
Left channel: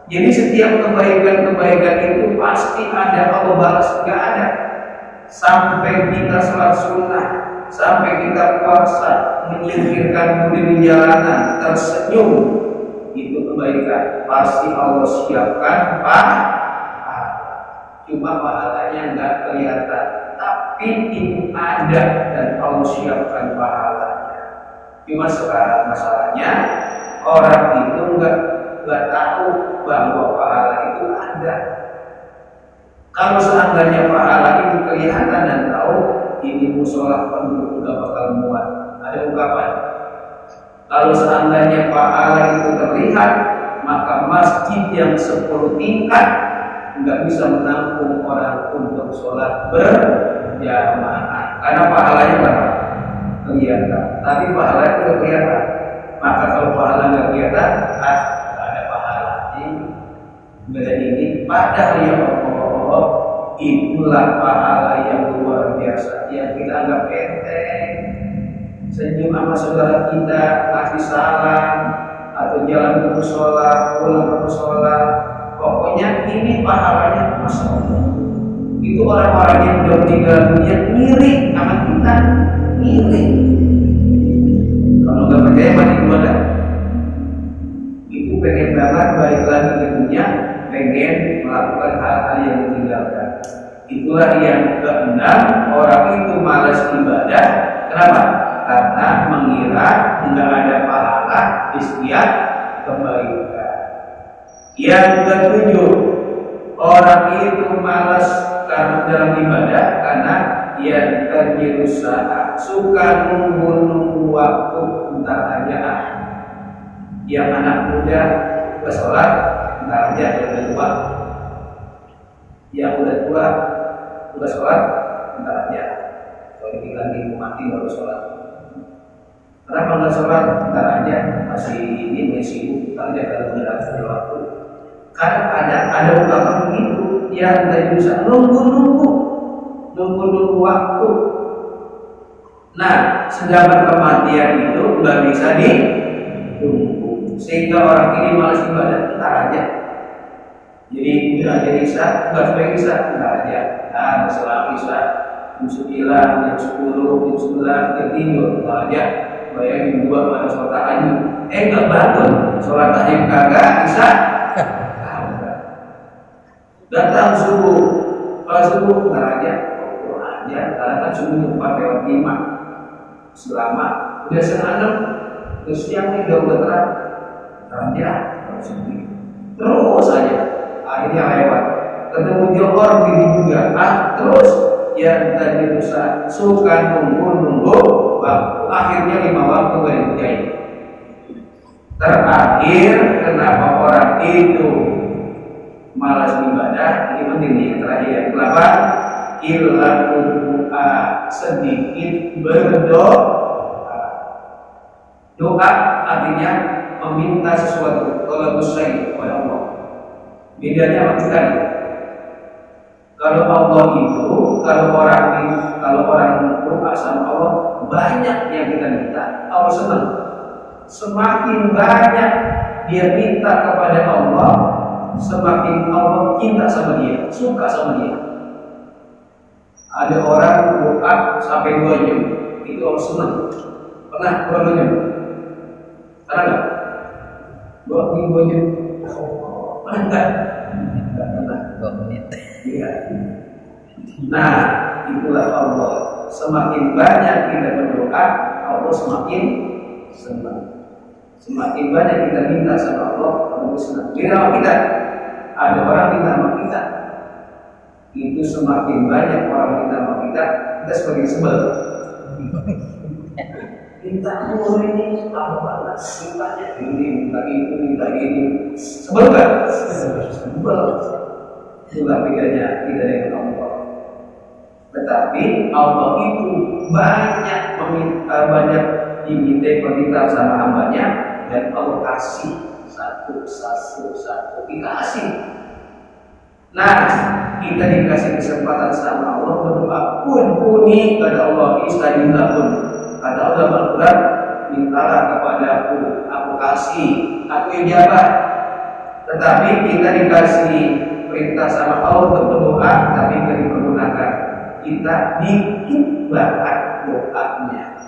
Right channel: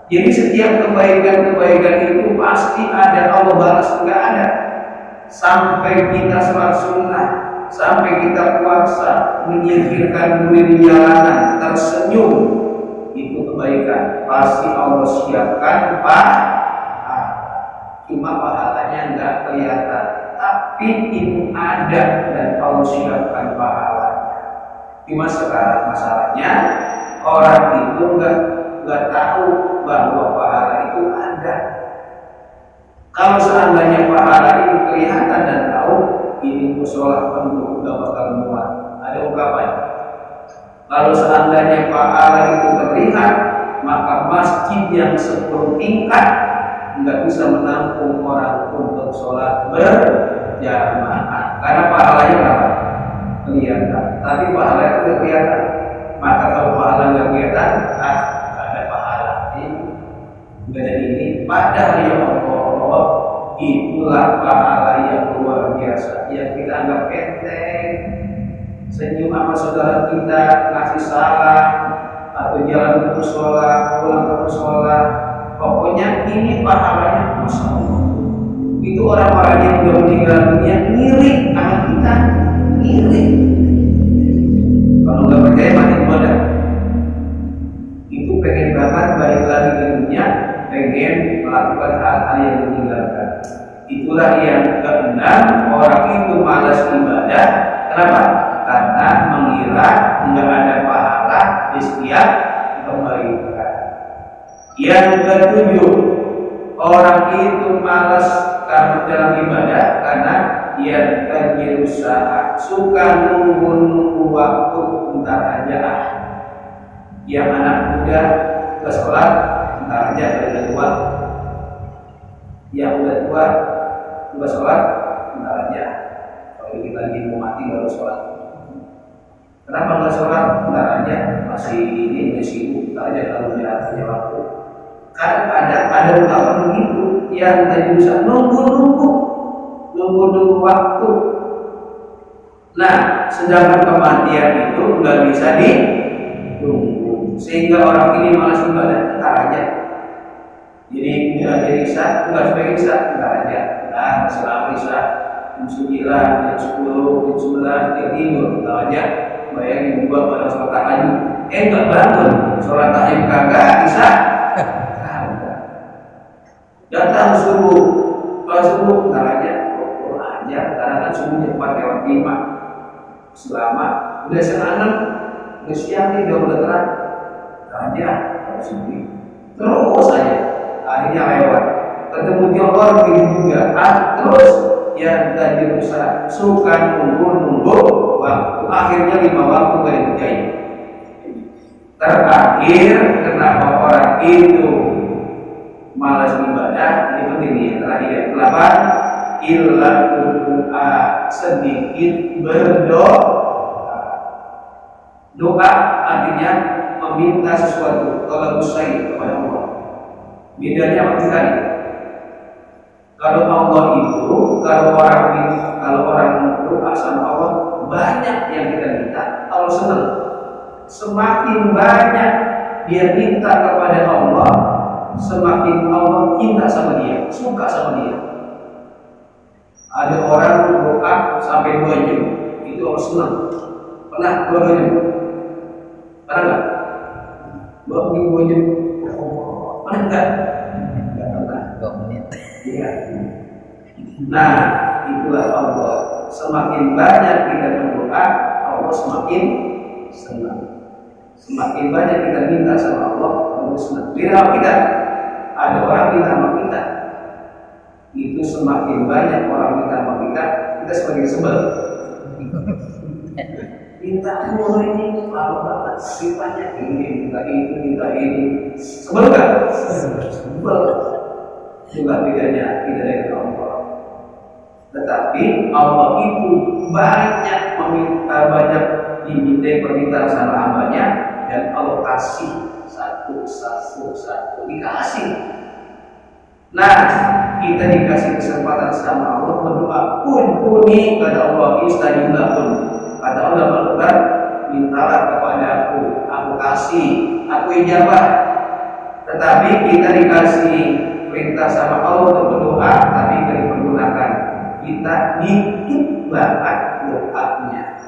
Jadi setiap kebaikan-kebaikan itu pasti ada Allah balas, enggak ada. Sampai kita sholat sunnah, sampai kita puasa, menyingkirkan duri di jalanan, tersenyum, itu kebaikan. Pasti Allah siapkan pahala. Cuma pahalanya enggak kelihatan, tapi itu ada dan Allah siapkan pahalanya. Cuma sekarang masalahnya orang itu enggak tahu bahwa pahala itu ada. Kalau seandainya pahala itu kelihatan dan tahu, ini musola penuh udah bakal muat. Ada ungkapan, kalau seandainya pahala itu terlihat, maka masjid yang 10 tingkat nggak bisa menampung orang untuk sholat berjamaah. Karena pahalanya berapa? Kelihatan. Tapi pahala itu nggak kelihatan. Maka kalau pahala nggak kelihatan, nggak ada pahala. Beda ini padahal ya Allah, itulah pahala yang luar biasa yang kita anggap enteng. Senyum sama saudara kita, kasih salam, atau jalan ke musola, pulang ke musola, pokoknya ini pahalanya Masya Allah. Itu orang-orang yang sudah meninggal dunia ngiri sama kita, ngiri. Kalau nggak percaya mati ibadah. Itu pengen banget balik lagi ke dunia, pengen melakukan hal-hal yang ditinggalkan. Itulah yang keenam, orang itu malas ibadah. Kenapa? Karena mengira nggak ada pahala di setiap kebaikan. Yang ketujuh, orang itu malas karena dalam ibadah karena ia berusaha, suka nunggu waktu bentar aja. Yang anak muda ke sholat bentar aja udah tua. Yang udah tua ke sholat bentar aja. Kalau kita lagi mau mati baru sholat. Kenapa nggak sholat? Bentar aja, masih sibuk, aja kalau menjelaskan waktu. Kan ada ungkapan begitu yang tadi bisa nunggu waktu. Nah, sedangkan kematian itu nggak bisa ditunggu, sehingga orang ini malas ibadah, bentar aja. Jadi nggak jadi isya, nggak supaya isya, bentar aja. Nah, setelah isya, jam 9, jam 10, jam 11, dia tidur, bentar aja. Bayangin dua pada sholat tahajud, nggak bangun, sholat tahajud kagak bisa, kagak. Datang subuh, kalau subuh bentar aja, karena kan subuhnya 4:05, selama udah setengah 6, udah siang nih udah terang, bentar aja, kalau subuh, terus aja, akhirnya lewat, ketemu Johor begitu juga, terus yang tadi rusak, suka nunggu waktu, akhirnya 5 waktu gak dikerjain. Terakhir, kenapa orang itu malas ibadah? Ini penting nih, terakhir. Kenapa? Illa doa, sedikit berdoa. Doa artinya meminta sesuatu. Kalau usai kepada Allah. Bedanya apa kan? Kalau Allah itu, kalau orang doa sama Allah, banyak yang kita minta, Allah senang. Semakin banyak dia minta kepada Allah, semakin Allah cinta sama dia, suka sama dia. Ada orang doa sampai 2 jam, itu Allah senang. Pernah 2 jam? Pernah nggak? 2 jam? Pernah nggak? Nggak pernah. 2 menit. Iya. Nah, itulah Allah. Semakin banyak kita berdoa, Allah semakin senang. Semakin banyak kita minta sama Allah, Allah senang. Bila kita ada orang minta sama kita, itu semakin banyak orang minta sama kita semakin sebel. Minta mulu ini, lama banget. Mintanya ini, minta itu, minta ini. Sebel nggak? Sebel. Itulah bedanya kita dengan Allah. Tetapi Allah itu banyak diminta permintaan sama hambanya, dan Allah kasih satu dikasih. Nah, kita dikasih kesempatan sama Allah berdoa, kuni kata Allah, istajib lakum. Kata Allah Al-Quran, mintalah kepada aku kasih, aku ijabah. Tetapi kita dikasih perintah sama Allah untuk berdoa, tapi tidak dipergunakan. Kita dikit banget doanya.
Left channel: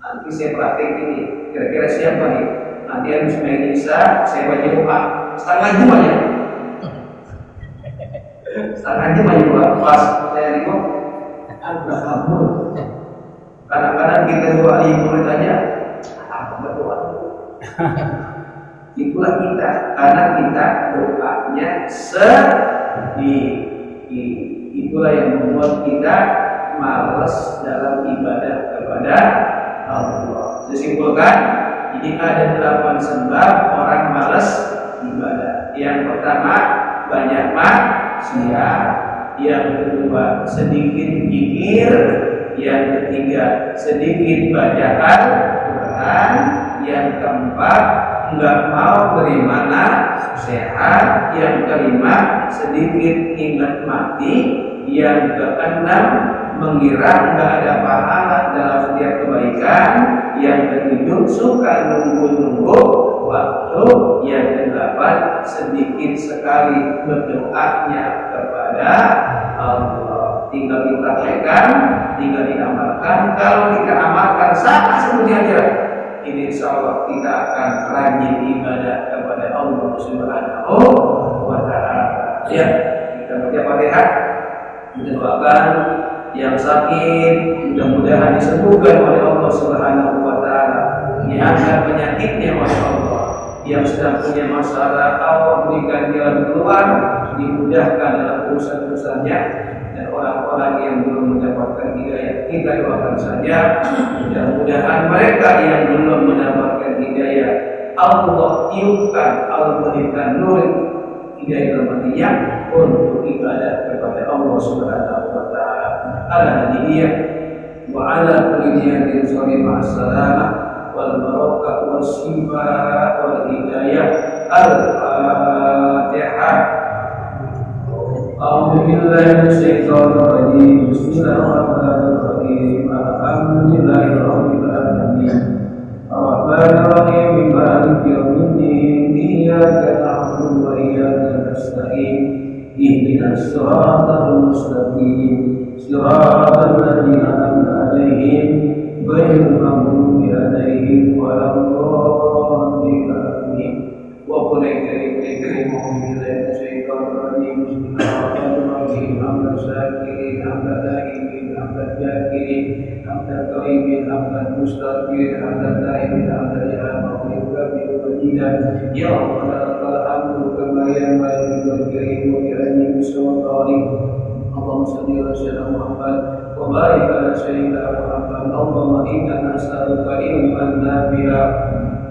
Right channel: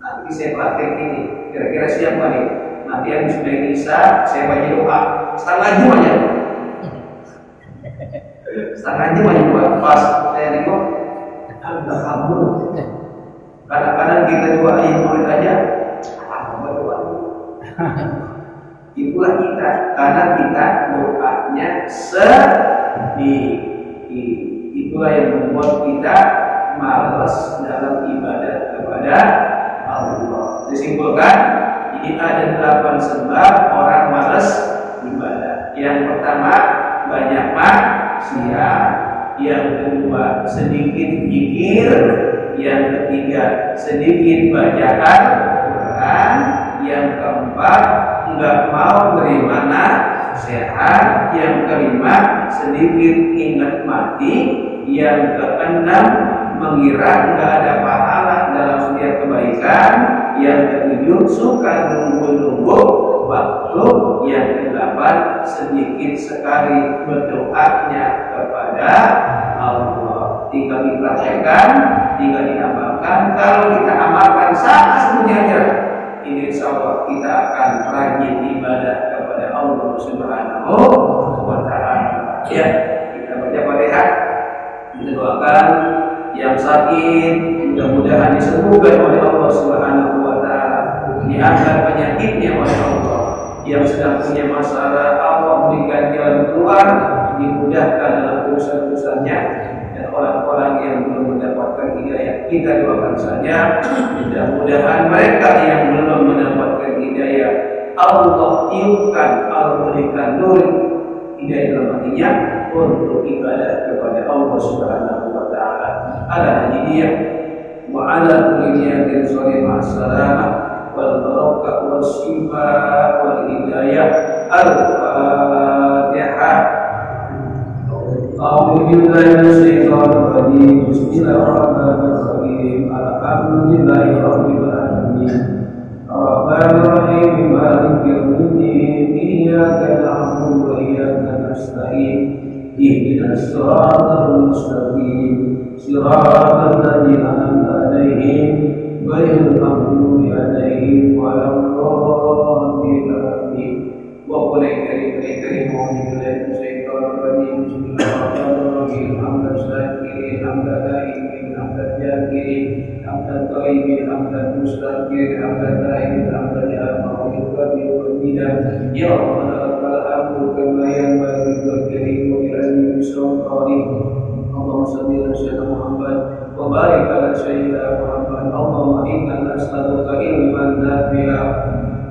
Nanti saya praktek ini, kira-kira siapa nih? Nanti habis main Isya, saya baca doa setengah jam aja. Setengah jam aja doa. Pas saya nengok, udah kabur. Kadang-kadang kita doa murid aja, berdoa. Itulah kita, karena kita doanya sedih. Itulah yang membuat kita malas dalam ibadah kepada Allah. Disimpulkan, ini ada 8 sebab orang malas ibadah. Yang pertama, banyak maksiat. yang kedua sedikit zikir, yang ketiga sedikit bacaan Quran, yang keempat enggak mau terima nasihat, yang kelima sedikit ingat mati, yang keenam mengira enggak ada pahala dalam setiap kebaikan, yang ketujuh suka nunggu-nunggu waktu, yang kedelapan sedikit sekali berdoanya kepada Allah. Tinggal dipraktekkan, tinggal diamalkan. Kalau kita amalkan saat semuanya, ini insya Allah kita akan rajin ibadah kepada Allah Subhanahu wa Ta'ala. Ya, kita baca Fatihah, kita doakan yang sakit mudah-mudahan disembuhkan oleh Allah Subhanahu wa Ta'ala, diangkat penyakitnya oleh Allah. Yang sedang punya masalah, Allah berikan jalan keluar, dimudahkan dalam urusan-urusannya. Dan orang-orang yang belum mendapatkan hidayah, kita doakan saja mudah-mudahan mereka yang belum mendapatkan hidayah, Allah tiupkan, Allah berikan nur hidayah dalam hatinya untuk ibadah kepada Allah Subhanahu wa Ta'ala. Ala hadiyah wa ala kulli niyatin shalihah as-salamah wal barakah was shifa wal hidayah. Al-Fatihah. A'udzu billahi minasyaitonir rajim. Bismillahirrahmanirrahim. Alhamdulillahi rabbil alamin. Ar-Rahmanir Rahim. Maliki yaumiddin. Iyyaka na'budu wa iyyaka nasta'in. Ihdinas siratal mustaqim. Siratal ladzina an'amta 'alaihim ghairil maghdubi 'alaihim waladdallin. Amin. Wa qul karim billahi syaitanir rajim. Bismillahirrahmanirrahim. Hamdan syakirin, hamdan da'imin, hamdan jakirin, hamdan thayyibin, hamdan mustaqirin, hamdan da'imin, hamdan ya ma'rifah bil wajidah. Ya Allah, lakal hamdu kama yanbaghi lil karim wa li ajli sultanik. Allahumma shalli ala sayyidina Muhammad wa barik ala sayyidina Muhammad. Allahumma inna nas'aluka ilman nafi'a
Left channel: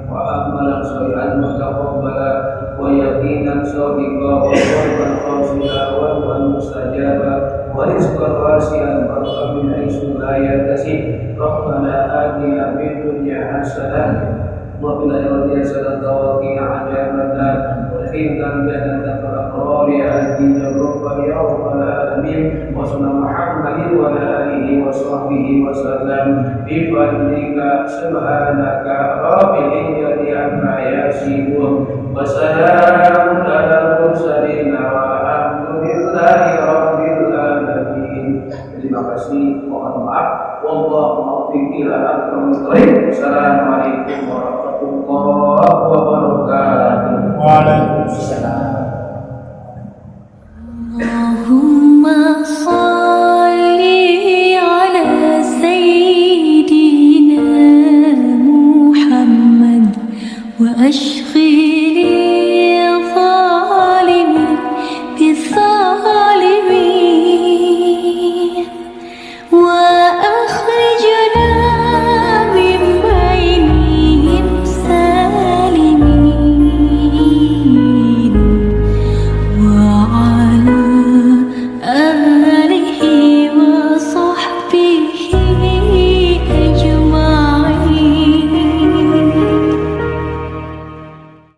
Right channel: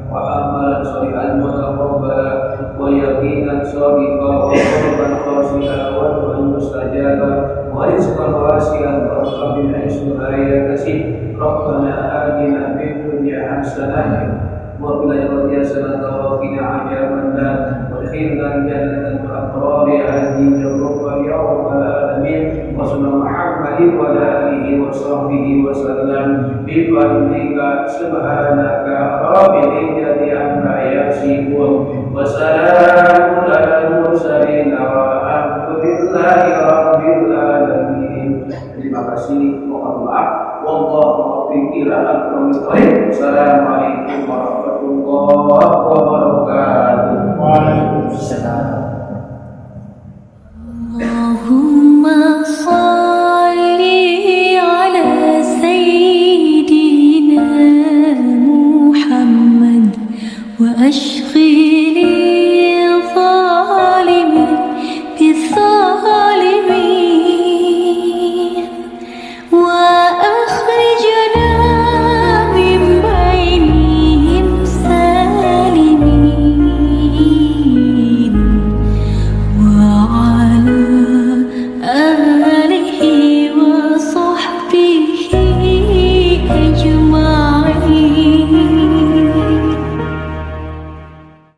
wa amalan shalihan mutaqabbala wa yaqinan shadiqan wa qalban khashi'an wa du'an mustajaba wa rizqan wasi'an wa min haitsu la yahtasib. Rabbana atina fid dunya hasanah wa fil akhirati hasanah wa qina adzabannar. Khairan jannatan wa aqrari ajin rabbana ya rabbal alamin. Wa sallallahu Muhammadin wa alihi wa sahbihi wa sallam bi fadlika subhanaka rabbil izzati amma yasifun wa salamun alal mursalin walhamdulillahi rabbil alamin. Terima kasih, mohon maaf. Wallahu muwaffiq ila aqwamit thoriq. Assalamualaikum warahmatullahi wabarakatuh. Waalaikumsalam. Allahumma